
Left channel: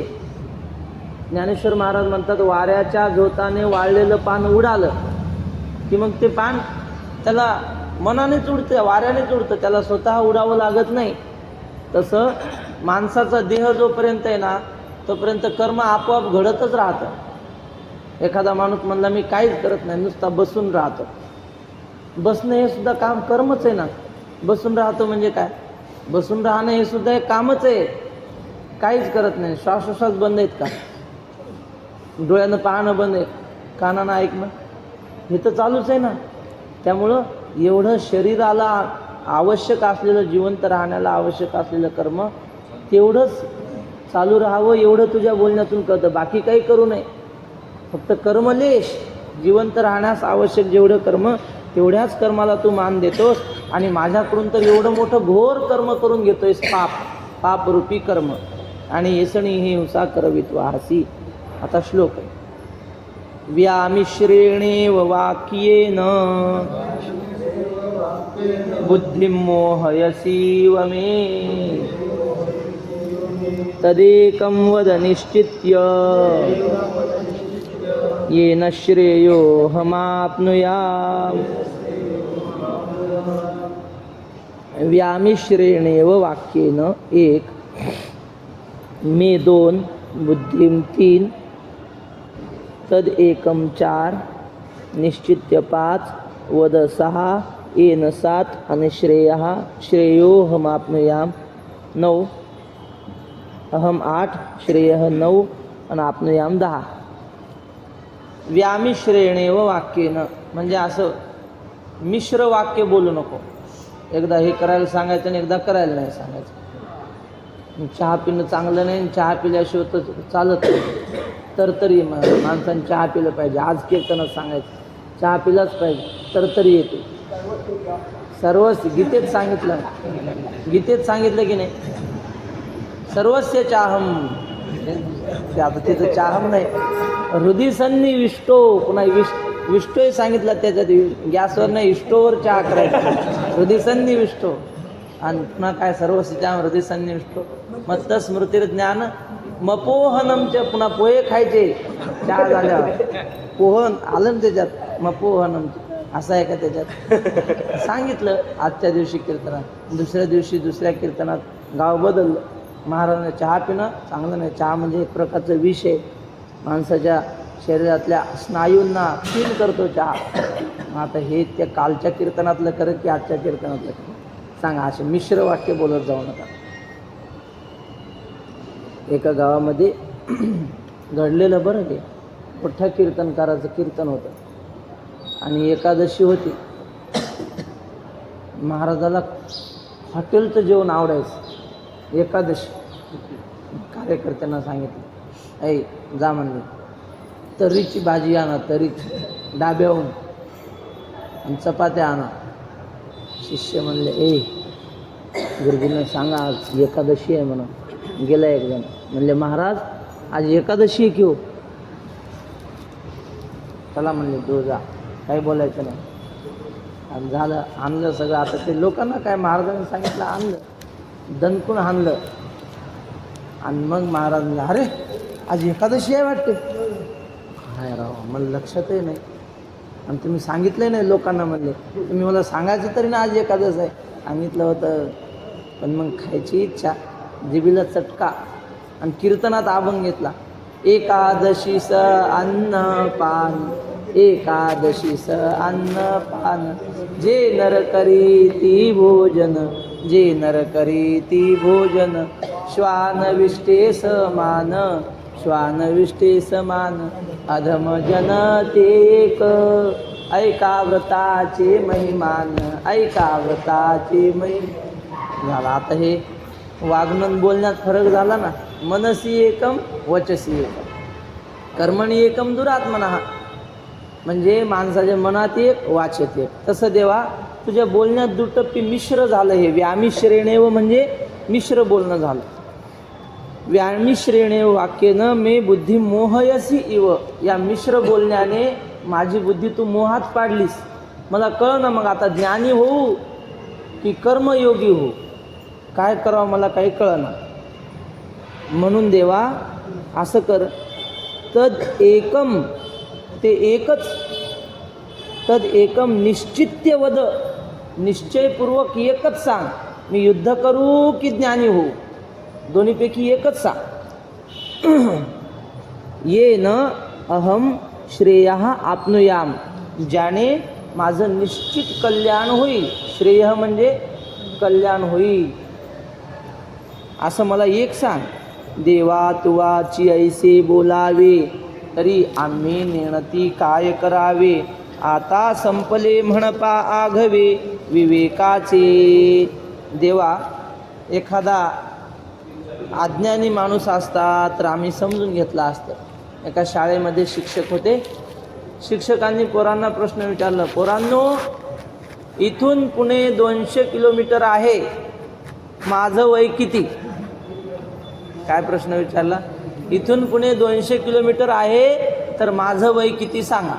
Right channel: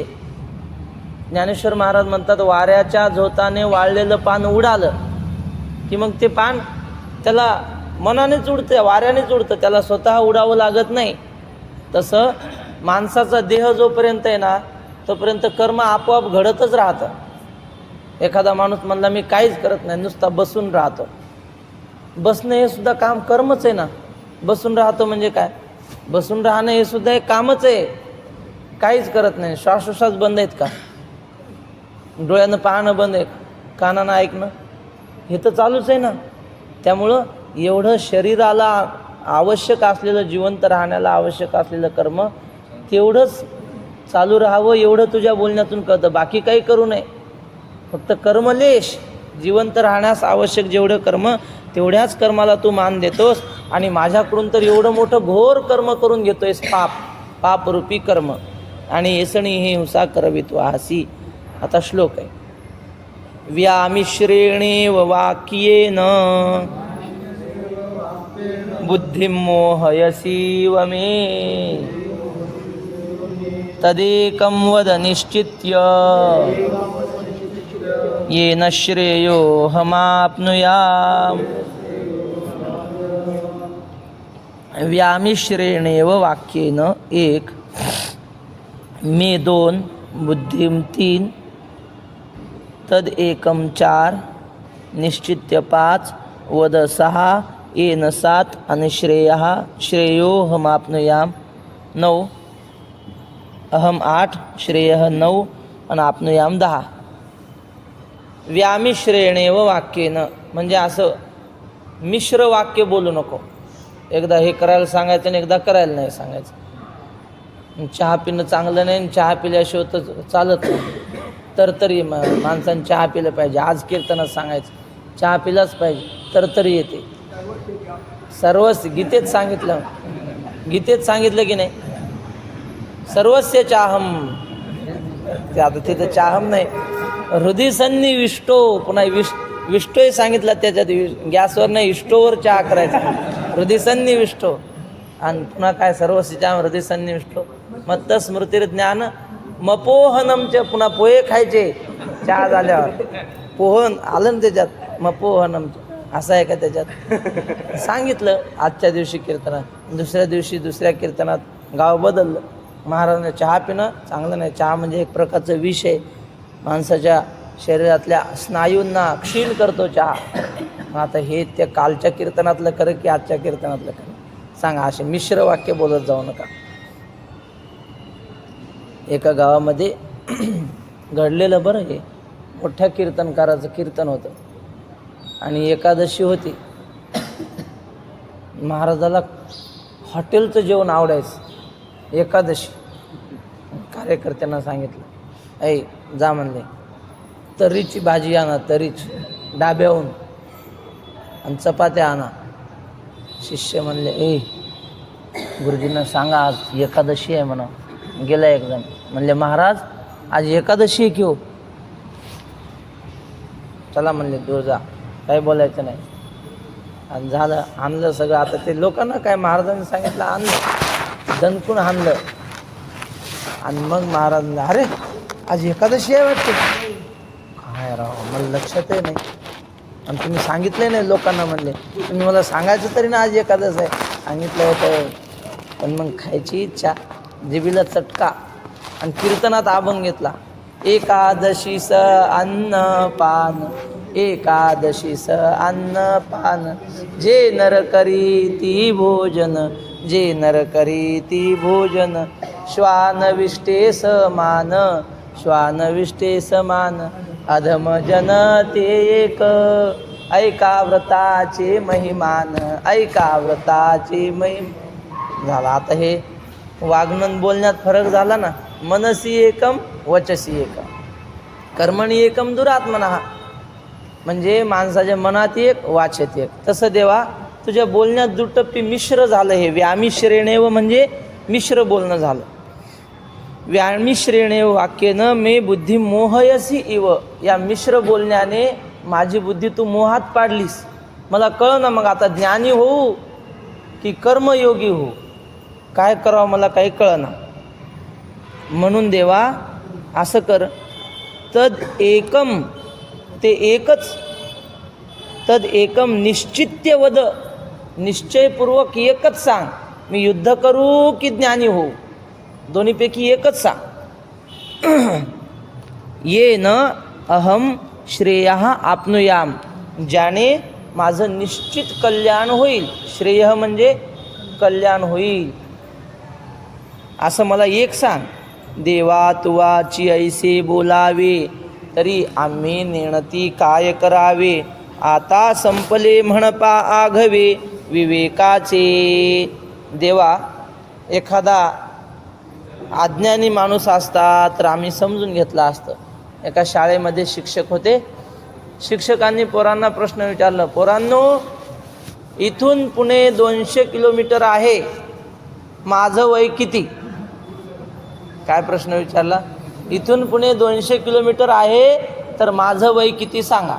ज्ञानेश्वर महाराज म्हणतात वाऱ्याच्या झोताने वाळलेलं पान उडालं की मग ते पान त्याला मनानेच उडतं, वाऱ्यानेच उडतं, त्याला स्वतः उडावं लागत नाही. तसं माणसाचा देह जोपर्यंत आहे ना तोपर्यंत कर्म आपोआप घडतच राहतं. एखादा माणूस म्हणला मी काहीच करत नाही, नुसता बसून राहतो, बसणं हे सुद्धा काम कर्मच आहे ना. बसून राहतो म्हणजे काय? बसून राहणं हे सुद्धा एक कामच आहे. काहीच करत नाही, श्वासोश्वास बंद आहेत का? डोळ्यानं पाहणं बंद आहे, कानानं ऐकणं, हे तर चालूच आहे ना. त्यामुळं एवढं शरीराला आवश्यक असलेलं, जिवंत राहण्याला आवश्यक असलेलं कर्म तेवढंच चालू राहावं, एवढं तुझ्या बोलण्यातून कळतं. बाकी काही करू नये, फक्त कर्मलेश, जिवंत राहण्यास आवश्यक जेवढं कर्म तेवढ्याच कर्माला तू मान देतोस. आणि माझ्याकडून तर एवढं मोठं घोर कर्म करून घेतोयस, पापरूपी कर्म. आणि येसणी हे हिंसा करवितो आसी. आता श्लोक आहे, व्यामिश्रेणेव वाक्येन बुद्धिं मोहयसीव मे, तदेकं वद निश्चित्य येन श्रेयोऽहमाप्नुयाम्. व्यामिश्रेणेव वाक्येन एक, मे दोन, बुद्धिं तीन, तद एकम चार, निश्चित्य पाच, वद सहा, येन सात, आणि श्रेयोऽहमाप्नुयाम 9, अहम 8, श्रेयः 9, आणि आपनुयाम 10. व्यामिश्रेणेव वाक्येनं म्हणजे असं मिश्र वाक्य बोलू नको. एकदा हे करायला सांगायचं आणि एकदा करायला नाही सांगायचं. चहा पिणं चांगलं नाही, चहा पिल्याशिवाय तर चालत नाही. तर तरी माणसाने चहा पिलं पाहिजे. आज कीर्तनात सांगायचं चहा पिलाच पाहिजे, तर तरी येते. सर्वच गीतेत सांगितलं, गीतेत सांगितलं की नाही, सर्वस्य चाहम. ते आता तिथं चाहम नाही, हृदय सन्निविष्टो, पुन्हा विष्टोही सांगितलं त्याच्यात. गॅसवर नाही, इष्टोवर चहा करायचा, हृदय सन्निविष्टो. आणि पुन्हा काय, सर्वस्य चाहम हृदय सन्निविष्टो मत्त स्मृतीर ज्ञान मपोहनमचे. पुन्हा पोहे खायचे चहा झाल्यावर, पोहन आलं ना त्याच्यात, मपोहनमचे. असं आहे का त्याच्यात? सांगितलं आजच्या दिवशी कीर्तनात, दुसऱ्या दिवशी दुसऱ्या कीर्तनात गाव बदललं. महाराजांना चहा पिणं चांगलं नाही. चहा म्हणजे एक प्रकारचं विष आहे, माणसाच्या शरीरातल्या स्नायूंना क्षीण करतो चहा. आता हे त्या कालच्या कीर्तनातलं खरं की आजच्या कीर्तनातलं खरं? सांगा. असे मिश्र वाक्य बोलत जाऊ नका. एका गावामध्ये घडलेलं बरं, हे मोठ्या कीर्तनकाराचं कीर्तन होतं आणि एकादशी होती. महाराजाला हॉटेलचं जेवण आवडायचं. एकादशी कार्यकर्त्यांना सांगितलं, ऐ जा म्हणले, तर्रीची भाजी आणा, तर्रीची डाब्याहून, आणि चपात्या आणा. शिष्य म्हणले, ए गुरुजींना सांगा आज एकादशी आहे म्हणा. गेला एक जण म्हणले, महाराज आज एकादशी आहे की हो? चला म्हणले, तो जा, काही बोलायचं नाही. आणि झालं, आणलं सगळं. आता ते लोकांना काय, महाराजांनी सांगितलं आणलं, दणकून आणलं. आणि मग महाराज, अरे आज एकादशी आहे वाटते. काय राव, मला लक्षातही नाही. आणि तुम्ही सांगितलं नाही लोकांना. म्हणले, तुम्ही मला सांगायचं तरी ना आज एकादश आहे. सांगितलं होतं, पण मग खायची इच्छा, जिभेला चटका, आणि कीर्तनात अभंग घेतला. एकादशीस अन्न पान एकादशी स अन्नपान, जे नर करी ती भोजन, जे नर करी ती भोजन, श्वानविष्टे समान, श्वानविष्टे समान, अधम जन ते एक, ऐका व्रताचे महिमान, ऐका व्रताचे महिमा. झाला. आता हे वागणं बोलण्यात फरक झाला ना. मनसी एकम वचसी एकम, कर्मणी एकम दुरात्मनः. म्हणजे माणसाच्या मनात एक, वाचेत एक. तसं देवा तुझ्या बोलण्यात दुटप्पी मिश्र झालं. हे व्यामिश्रेणेव म्हणजे मिश्र बोलणं झालं. व्यामिश्रेणेव वाक्येनं मे बुद्धी मोहयसी इव, या मिश्र बोलण्याने माझी बुद्धी तू मोहात पाडलीस. मला कळ ना मग आता ज्ञानी होऊ की कर्मयोगी होऊ, काय करावं मला काही कळना. म्हणून देवा असं कर, तद एकम, ते एकच, तद एकम निश्चित्य वद, निश्चयपूर्वक एकच सांग. मी युद्ध करू की ज्ञानी होऊ, दोन्हीपैकी एकच सांग. ये न अहम श्रेयः आपनुयाम, ज्याने माझं निश्चित कल्याण होईल. श्रेय म्हणजे कल्याण होईल, असं मला एक सांग. देवा तुवाची ऐसे बोलावे, तरी आम्ही नेणती काय करावे. आता संपले म्हणपा आघवे विवेकाचे. देवा एखादा अज्ञानी माणूस असता तर आम्ही समजून घेतला असतं. एका शाळेमध्ये शिक्षक होते. शिक्षकांनी पोरांना प्रश्न विचारला, पोरांनो इथून पुणे 200 किलोमीटर आहे, माझं वय किती? काय प्रश्न विचारला? इथून पुणे 200 किलोमीटर आहे तर माझं वय किती सांगा.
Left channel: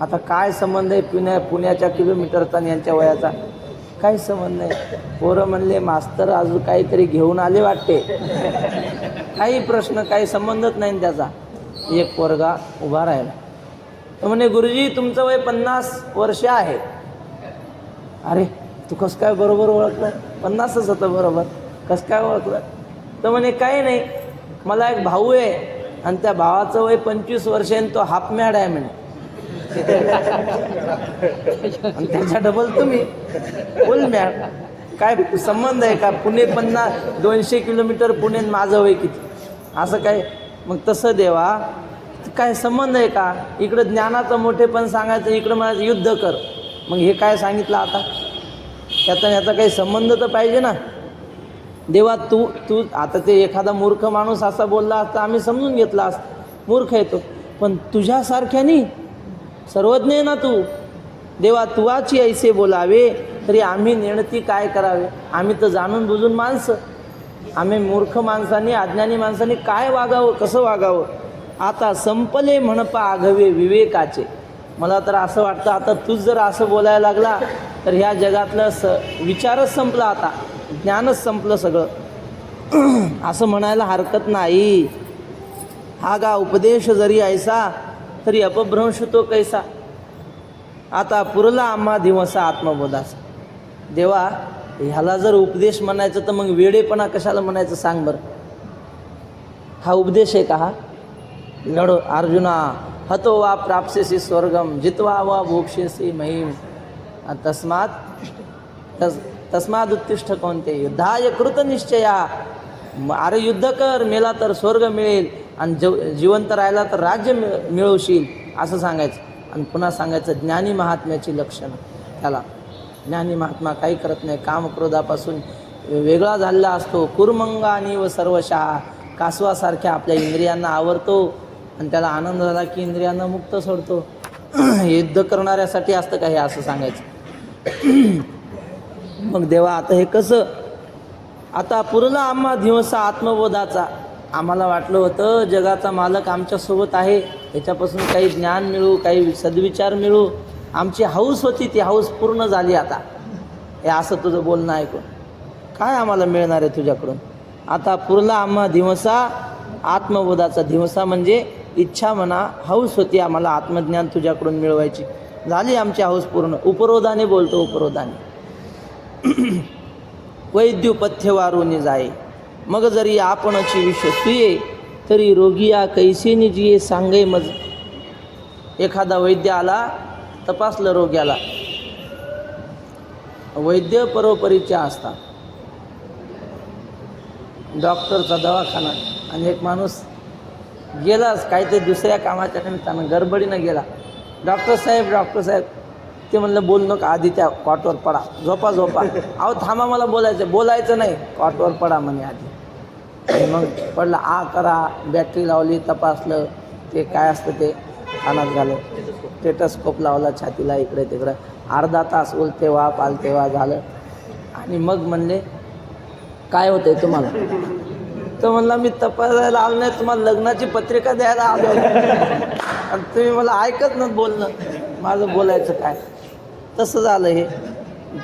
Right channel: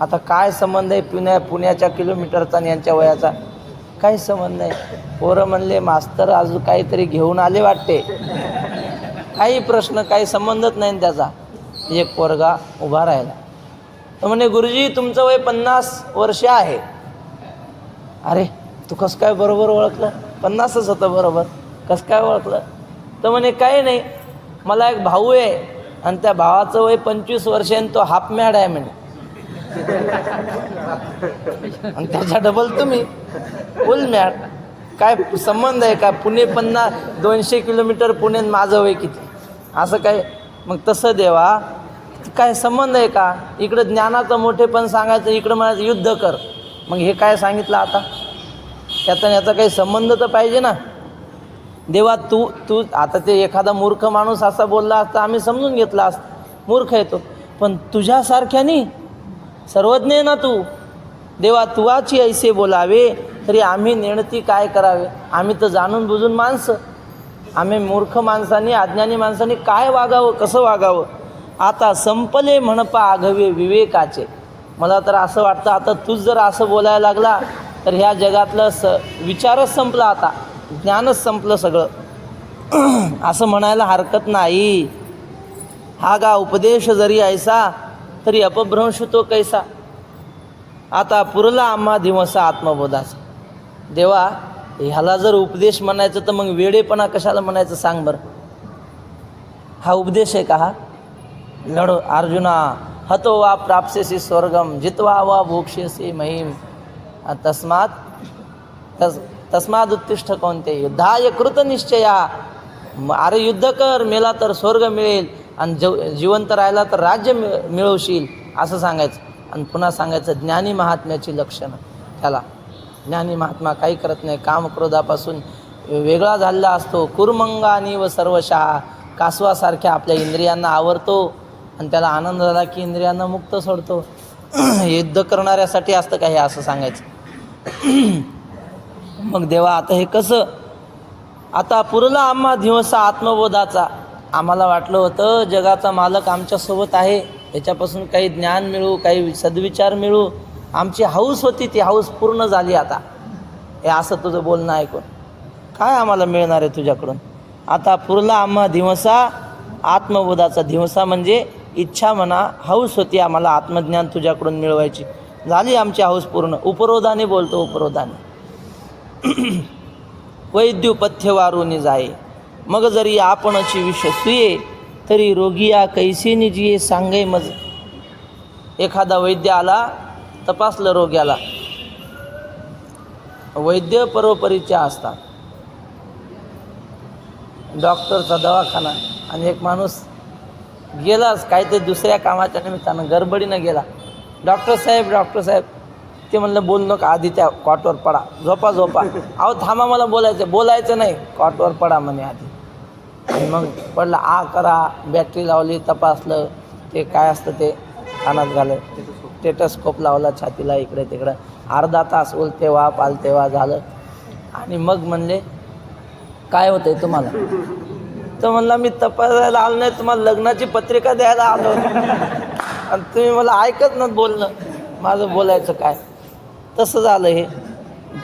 आता काय संबंध आहे पुण्याच्या किलोमीटरचा आणि यांच्या वयाचा? काही संबंध नाही. पोरं म्हणले मास्तर अजून काहीतरी घेऊन आले वाटते. काही प्रश्न, काही संबंधच नाही त्याचा. एक पोरगा उभा राहिला, तो म्हणे गुरुजी तुमचं वय 50 वर्ष आहे. अरे तू कसं काय बरोबर ओळखलं? 50च होतं बरोबर, कसं काय ओळखलं? तर म्हणे काही नाही, मला एक भाऊ आहे आणि त्या भावाचं वय 25 वर्ष आहे, तो हाफ मॅड आहे म्हणे. आणि त्याच्या डबल तुम्ही फुल मॅड. काय संबंध आहे का? पुणे 200 किलोमीटर पुणे, माझं वय किती, असं काय? मग तसं देवा काय संबंध आहे का? इकडं ज्ञानाचं मोठेपण सांगायचं, इकडं म्हणायचं युद्ध कर. मग हे काय सांगितलं आता? याचा काही संबंध तर पाहिजे ना. देवा तू आता ते एखादा मूर्ख माणूस असा बोलला असता आम्ही समजून घेतला असता, मूर्ख येतो. पण तुझ्यासारख्यानी सर्वज्ञ आहे ना तू. देवा तुवाची ऐसे बोलावे, तरी आम्ही नेणती काय करावे. आम्ही तर जाणून बुजून माणसं, आम्ही मूर्ख माणसांनी, अज्ञानी माणसांनी काय वागावं, कसं वागावं. आता संपले म्हणपा आघवे विवेकाचे. मला तर असं वाटतं आता तूच जर असं बोलायला लागला तर ह्या जगातलं विचारच संपला, आता ज्ञानच संपलं सगळं असं म्हणायला हरकत नाही. हा गा उपदेश जरी ऐसा तरी अपभ्रंश तो कैसा. आता पुरला आम्हा दिवसा आत्मबोधाचा. देवा ह्याला जर उपदेश म्हणायचं तर मग वेडेपणा कशाला म्हणायचं सांग बरं. हा उपदेश आहे का? हा लढ अर्जुना, हतो वा प्राप्स्यसि स्वर्गम जित्वा वा भोक्ष्यसि महिम तस्माद उत्तिष्ठ कोणते युद्धाय कृत निश्चया. अरे युद्ध कर, मेला तर स्वर्ग मिळेल आणि जिवंत राहिला तर राज्य मिळवशील, असं सांगायचं. आणि पुन्हा सांगायचं ज्ञानी महात्म्याची लक्षणं. त्याला ज्ञानी महात्मा काही करत नाही, कामक्रोधापासून वेगळा झालेला असतो. कुर्मंगानी व सर्वशः, कासवासारख्या आपल्या इंद्रियांना आवरतो आणि त्याला आनंद झाला की इंद्रियांना मुक्त सोडतो. युद्ध करणाऱ्यासाठी असतं का हे, असं सांगायचं. मग देवा आता हे कसं? आता पुरला आम्हा दिवसा आत्मबोधाचा. आम्हाला वाटलं होतं जगाचा मालक आमच्यासोबत आहे, याच्यापासून काही ज्ञान मिळू, काही सद्विचार मिळू, आमची हौस होती, ती हौस पूर्ण झाली. आता हे असं तुझं बोलणं ऐकून काय आम्हाला मिळणार आहे तुझ्याकडून? आता पुरला आम्हा दिवसा आत्मबोधाचा. दिवसा म्हणजे इच्छा म्हणा, हौस होती आम्हाला आत्मज्ञान तुझ्याकडून मिळवायची, झाली आमची हौस पूर्ण. उपरोधाने बोलतो, उपरोधाने. वैद्युपथ्य वारुनी जाये, मग जरी आपणची विश्वसुये, तरी रोगिया कैसे निजिये सांगे मज. एखादा वैद्य आला, तपासलं रोग्याला. वैद्य परोपरीचे असतात. डॉक्टरचा दवाखाना आणि एक माणूस गेलाच काहीतरी दुसऱ्या कामाच्या निमित्तानं गडबडीनं गेला. डॉक्टर साहेब ते म्हणलं बोल नका, आधी त्या कॉटवर पडा, झोपा. अहो थांबा, मला बोलायचं नाही, कॉटवर पडा म्हणे आधी. आणि मग पडला, करा, बॅटरी लावली, तपासलं, ते काय असतं ते कानात झालं, स्टेटस्कोप लावला छातीला, इकडे तिकडं, अर्धा तास उलते वा पालते वा झालं. आणि मग म्हणले काय होतंय तुम्हाला? तर म्हणला मी तपासायला आलो नाही, तुम्हाला लग्नाची पत्रिका द्यायला आलो आणि तुम्ही मला ऐकत नाही बोलणं, माझं बोलायचं काय. तसं झालं हे.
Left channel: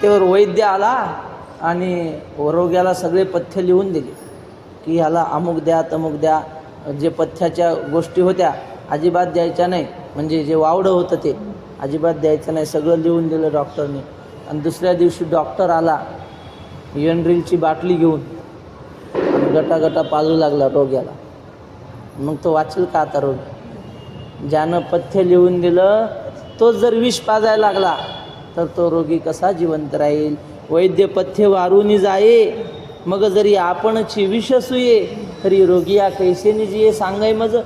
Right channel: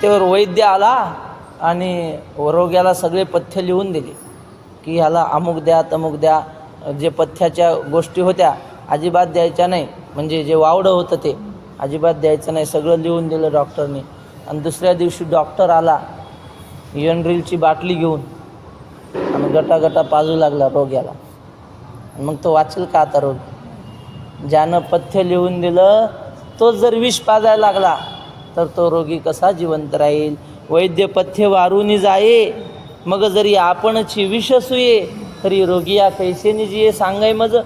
त्यावर वैद्य आला आणि रोग्याला सगळे पथ्य लिहून दिले की ह्याला अमुक द्या तमुक द्या. जे पथ्याच्या गोष्टी होत्या अजिबात द्यायच्या नाही, म्हणजे जे वावडं होतं ते अजिबात द्यायचं नाही, सगळं लिहून दिलं डॉक्टरनी. आणि दुसऱ्या दिवशी डॉक्टर आला एनड्रिलची बाटली घेऊन आणि गटागटा पाजू लागला रोग्याला. मग तो वाचेल का आता रोगी? ज्यानं पथ्य लिहून दिलं तोच जर विष पाजायला लागला तर तो रोगी कसा जिवंत राहील? वैद्य पथ्य वारूनी जाये, मग जरी आपणची विष सुये, तरी रोगी या कैसेनी जिये सांगाय मज.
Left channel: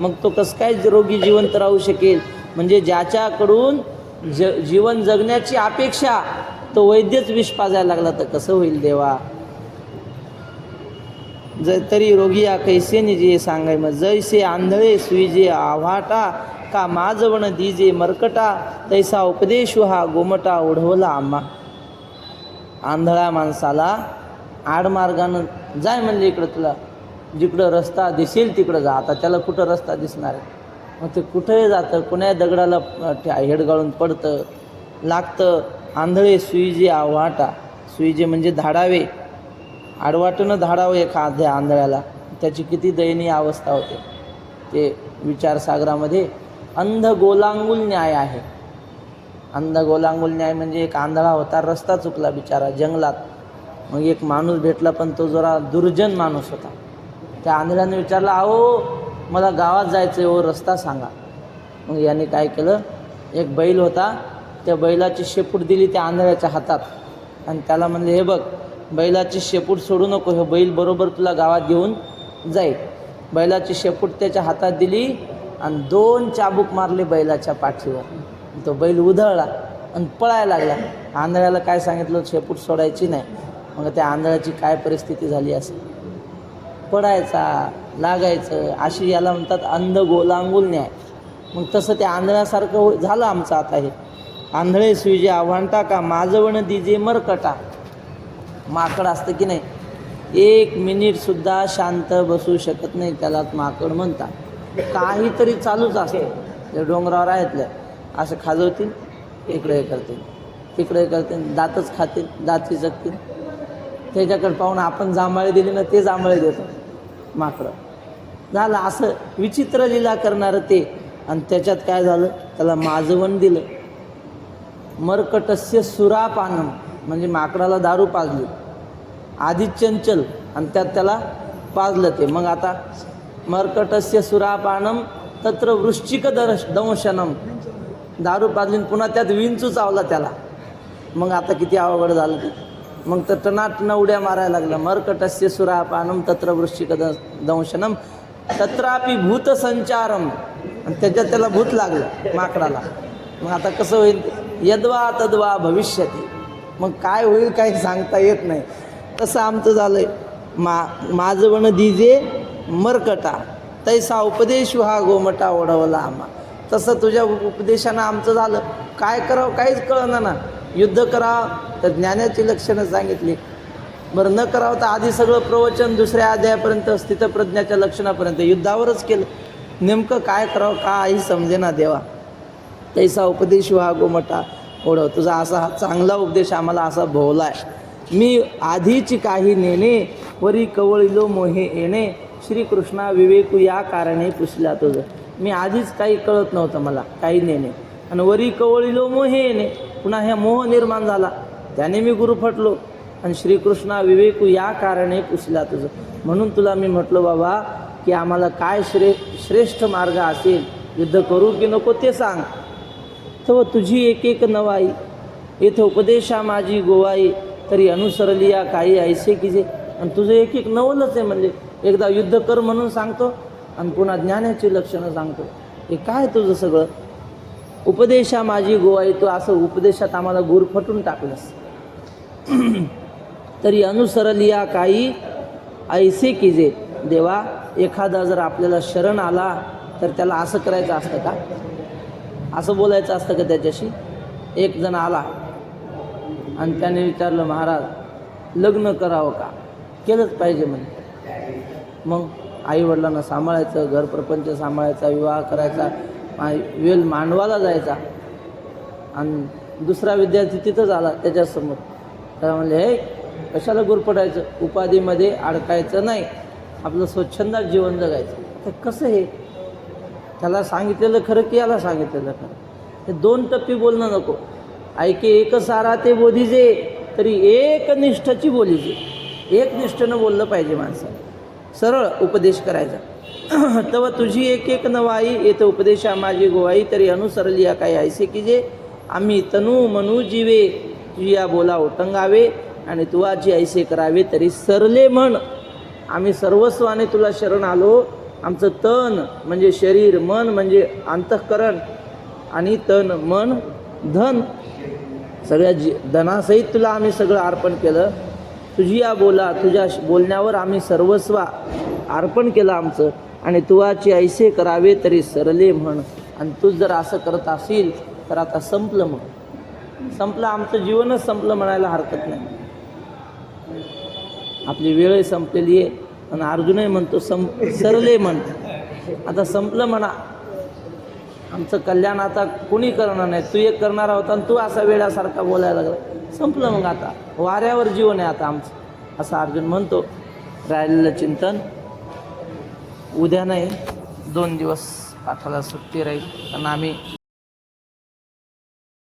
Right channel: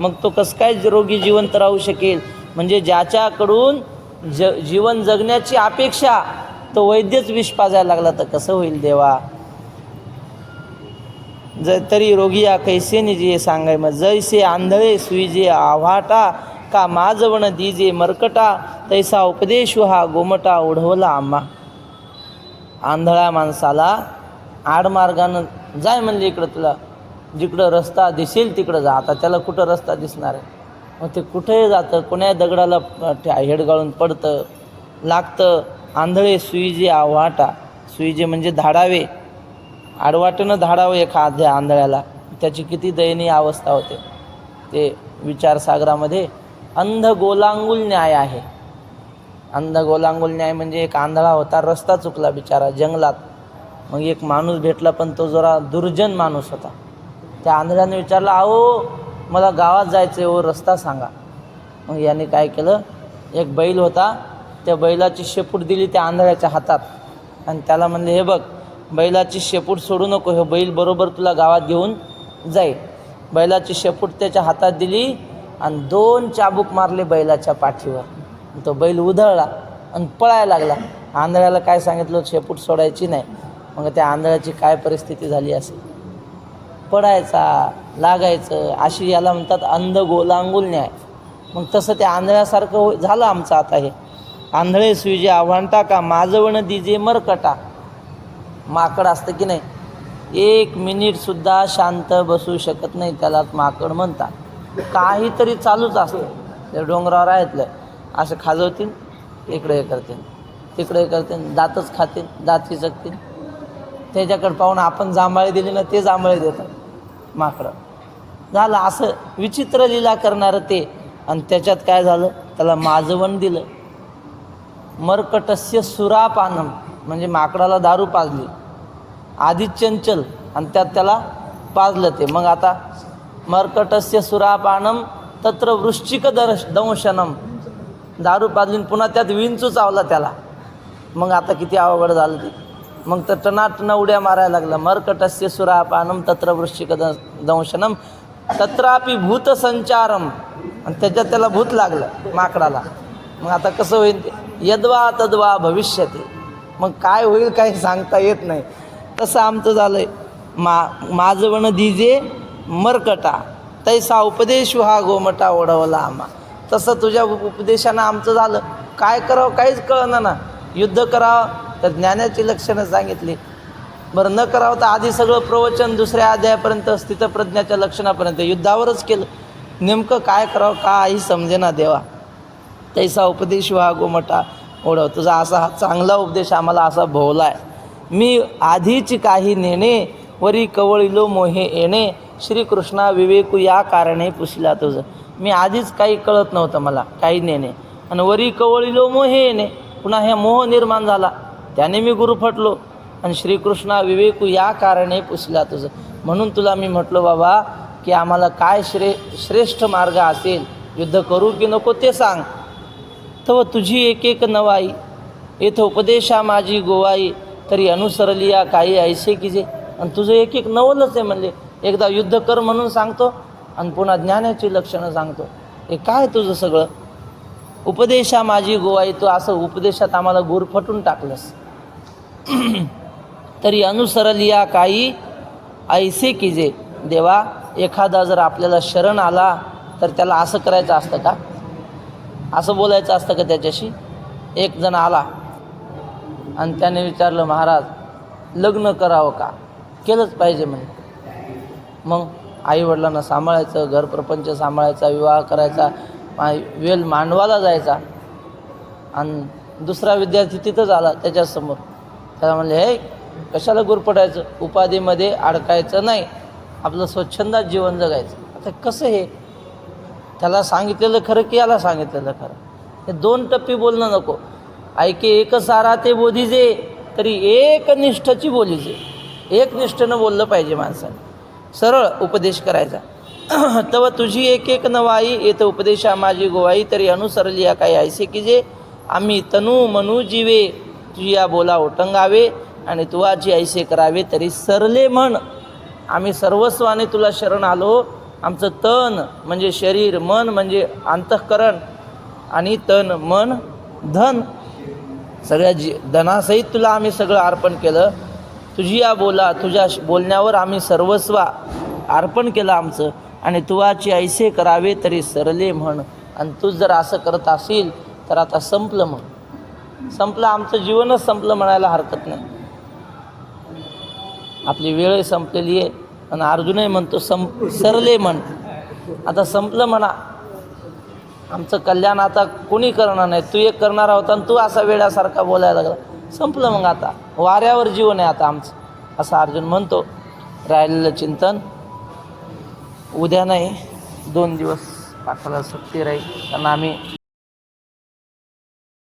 मग तो कसं काय रोगी जिवंत राहू शकेल? म्हणजे ज्याच्याकडून जीवन जगण्याची अपेक्षा तो वैद्यच विष पाजायला लागला तर कसं होईल देवा? तरी रोगी या कैसेनी जिये सांगाय मज. जैसे आंधळे सुईजे आव्हाटा, का माझवण दीजे मरकटा, तैसा उपदेश हा गोमटा ओढवला आम्हा. आंधळ्या माणसाला आडमार्गानं जाय म्हणले, इकडं तुला जिकडं रस्ता दिसेल तिकडं जा. आता त्याला कुठं रस्ता दिसणार आहे? मग ते कुठंही जातं, कोण्या दगडाला हेडगाळून पडतं, लागतं. आंधळे सुईजे आव्हाटा, सुईजे म्हणजे धाडावे, आडवाटनं धाडावं एखाद्या आंधळ्याला, त्याची किती दयनीय अवस्था होते. ते विचारसागरामध्ये अंध गोलांगुल न्याय आहे. अंध गोलांगुल न्याय म्हणजे एक आंधळा होता, रस्ता चुकला बिचारा जंगलात. मग एक माणूस भेटला, पण तो जरा दुर्जन माणूस होता. त्या आंधळ्याने विचारला, अहो मला गावात जायचं आहे, रस्ता सांगा. मग याने काय केलं, एक बैल होता, त्या बैलाची शेपूट दिली त्या आंधळ्याच्या हातात आणि त्याला म्हणले, हे बघ बैलाची शेपूट सोडू नको, हे बैल बरोबर तुला गावात घेऊन जाईल. बैलाची शेपूट त्याच्या हातात दिली आणि 2 चाबूक मारले बैलाच्या पाठीवर. तो बैल उधळला आणि पळायला लागला. आंधळ्याला काय सांगितलं, शेपूट सोडायची नाही. मग त्या आंधळ्याची काय परिस्थिती झाली असेल? पडायचा, लागायचं, अशी याला म्हणतात अंध गोलांगुल न्याय. मग तसं त्या आंधळ्यासारखं झालं आमचं आता हे. आंधळे सुईजे आव्हांटा, का माझवण दिजे मरकटा. माकड असतं की नाही, 1 मिनिटसुद्धा शांत बसू शकत नाही, त्याला माकड म्हणतात. काहीतरी चालूच असतं. ते डोंगरावर आहेतलं, असं खाजवतील, इकडे करतील, तिकडे करतील, दातच खातील, दात चिचकतील. त्याच्याकडे पाहून आपण जांभळे दिली ना, ते जांभळे देतं माकडं. झालं असं विचित्र लीला करणारं ते. आणि त्याच्यात काय झालं, त्याला माजवण दिलं. मरकटस्य सुरापानम, म्हणजे माकडाला दारू पाजली. आधी चंचल आणि त्यात त्याला पाजलं ते. मग आता मरकटस्य सुरापानम तत्र वृश्चिक दंशनम, दारू पाजली पुन्हा त्यात विंचू चावला त्याला. मग आता किती अवघड झालं ते. मग तर टनाटन उड्या मारायला लागला. मरकटस्य सुरापानम तत्र वृश्चिक दंशनम तत्रापि भूत संचारम, आणि त्याच्यात त्याला भूत लागलं माकडाला. मग आता कसं होईल, यद्वा तद्वा भविष्यती. मग काय होईल काही सांगता येत नाही. तसं आमचं झालंय. माझवण दिजे मरकटा, तैसा उपदेश हा गोमटा ओढवला आम्हा. तसं तुझ्या उपदेशानं आमचं झालं. काय करावं काहीच कळलं ना. युद्ध करावं तर ज्ञानाची लक्षणं सांगितली. बरं न करावं तर आधी सगळं प्रवचन दुसऱ्या अध्यायापर्यंत स्थितप्रज्ञाच्या लक्षणापर्यंत युद्धावरच केलं. नेमकं काय करावं काही समजेना देवा. तैसा उपदेश हा गोमटा ओढव. तुझा असा हा चांगला उपदेश आम्हाला असा भोवला आहे. मी आधीची काही नेणे, वरी कवळिलो मोहे येणे, श्रीकृष्णा विवेकू या कारणे पुसला तुझं. मी आधीच काही कळत नव्हतं मला, काही नेणे, आणि वरी कवळिलो मोहे येणे, पुन्हा हे मोह निर्माण झाला, त्याने मी गुरु फटलो. आणि श्रीकृष्णा विवेकू या कारणे पुसला तुझं. म्हणून तुला मी म्हटलो बाबा की आम्हाला काय श्रेष्ठ मार्ग असेल युद्ध करू की नको ते सांग. तव तुझी एक एक नवाई, येथे उपदेशा माझी गोवाई, तरी अनुसरली या काही ऐसे की जे. आणि तुझं एक एक नवलच आहे. म्हणजे एकदा युद्ध कर म्हणून सांगतो आणि पुन्हा ज्ञानाची लक्षणं सांगतो. हे काय तुझं सगळं? उपदेशा माझी गोवाई, तू असं उपदेशात आम्हाला गुरफटून टाकलंस. तरी अनुसरली या काही ऐसे की जे. देवा, एखादा जर आपल्याला शरण आला तर त्याला असं करायचं असतं का? असं बोलायचं असतं का त्याच्याशी? एक जण आला आणि त्याने विचारलं, महाराज लग्न करावं का? केलंच पाहिजे म्हणे. मग आईवडिलांना सांभाळायचं, घर प्रपंच सांभाळायचा, विवाह करायचा, वेल मांडवाला जायचा. आणि दुसरा विद्यार्थी तिथंच आला त्याच्यासमोर. त्याला म्हणले, हे कशाला गुरपटायचं, उपाधीमध्ये अडकायचं नाही, आपलं स्वच्छंदात जीवन जगायचं. तर कसं हे? त्याला सांगितलेलं खरं की याला सांगितलेलं खरं? हे दोन टप्पी बोलणं नको. ऐके एक सारा ते बोधीजे, तरी एक निष्ठाची बोलीजे. एक निष्ठेनं बोललं पाहिजे माणसाने, सरळ उपदेश करायचा. तव तुझी एक एक नवाई, येथे उपदेशा माझी गोवाई, तरी अनुसरली या काही ऐसे की जे. आम्ही तनू मनू जीवे, तुझिया बोला ओटंगावे, आणि तुवाची ऐसे करावे, तरी सरले म्हण. आम्ही सर्वस्वाने तुला शरण आलो. आमचं तन म्हणजे शरीर, मन म्हणजे अंतःकरण, आणि तन मन धन, सगळ्या धनासहित तुला आम्ही सगळं अर्पण केलं. तुझी या बोला, तुझ्या बोलण्यावर आम्ही सर्वस्व अर्पण केलं आमचं. आणि तुवाची ऐसे करावे, तरी सरले म्हण. आणि तू जर असं करत असेल तर आता संपलं म्हण. संपलं, आमचं जीवनच संपलं म्हणायला हरकत नाही. आपली वेळ संपलेली आहे. आणि अर्जुनही म्हणतो सरले म्हण. आता संपलं म्हणा, आमचं कल्याण आता कोणी करणार नाही. तू एक करणार होता आणि तू असा वेळासारखा बोलायला लागला. संपलं मग, आता वाऱ्यावर जीवन आहे आता आमचं, असं अर्जुन म्हणतो. राहिलेलं चिंतन उद्या नाही, 2 दिवस पाठाला सुट्टी राहील. कारण आम्ही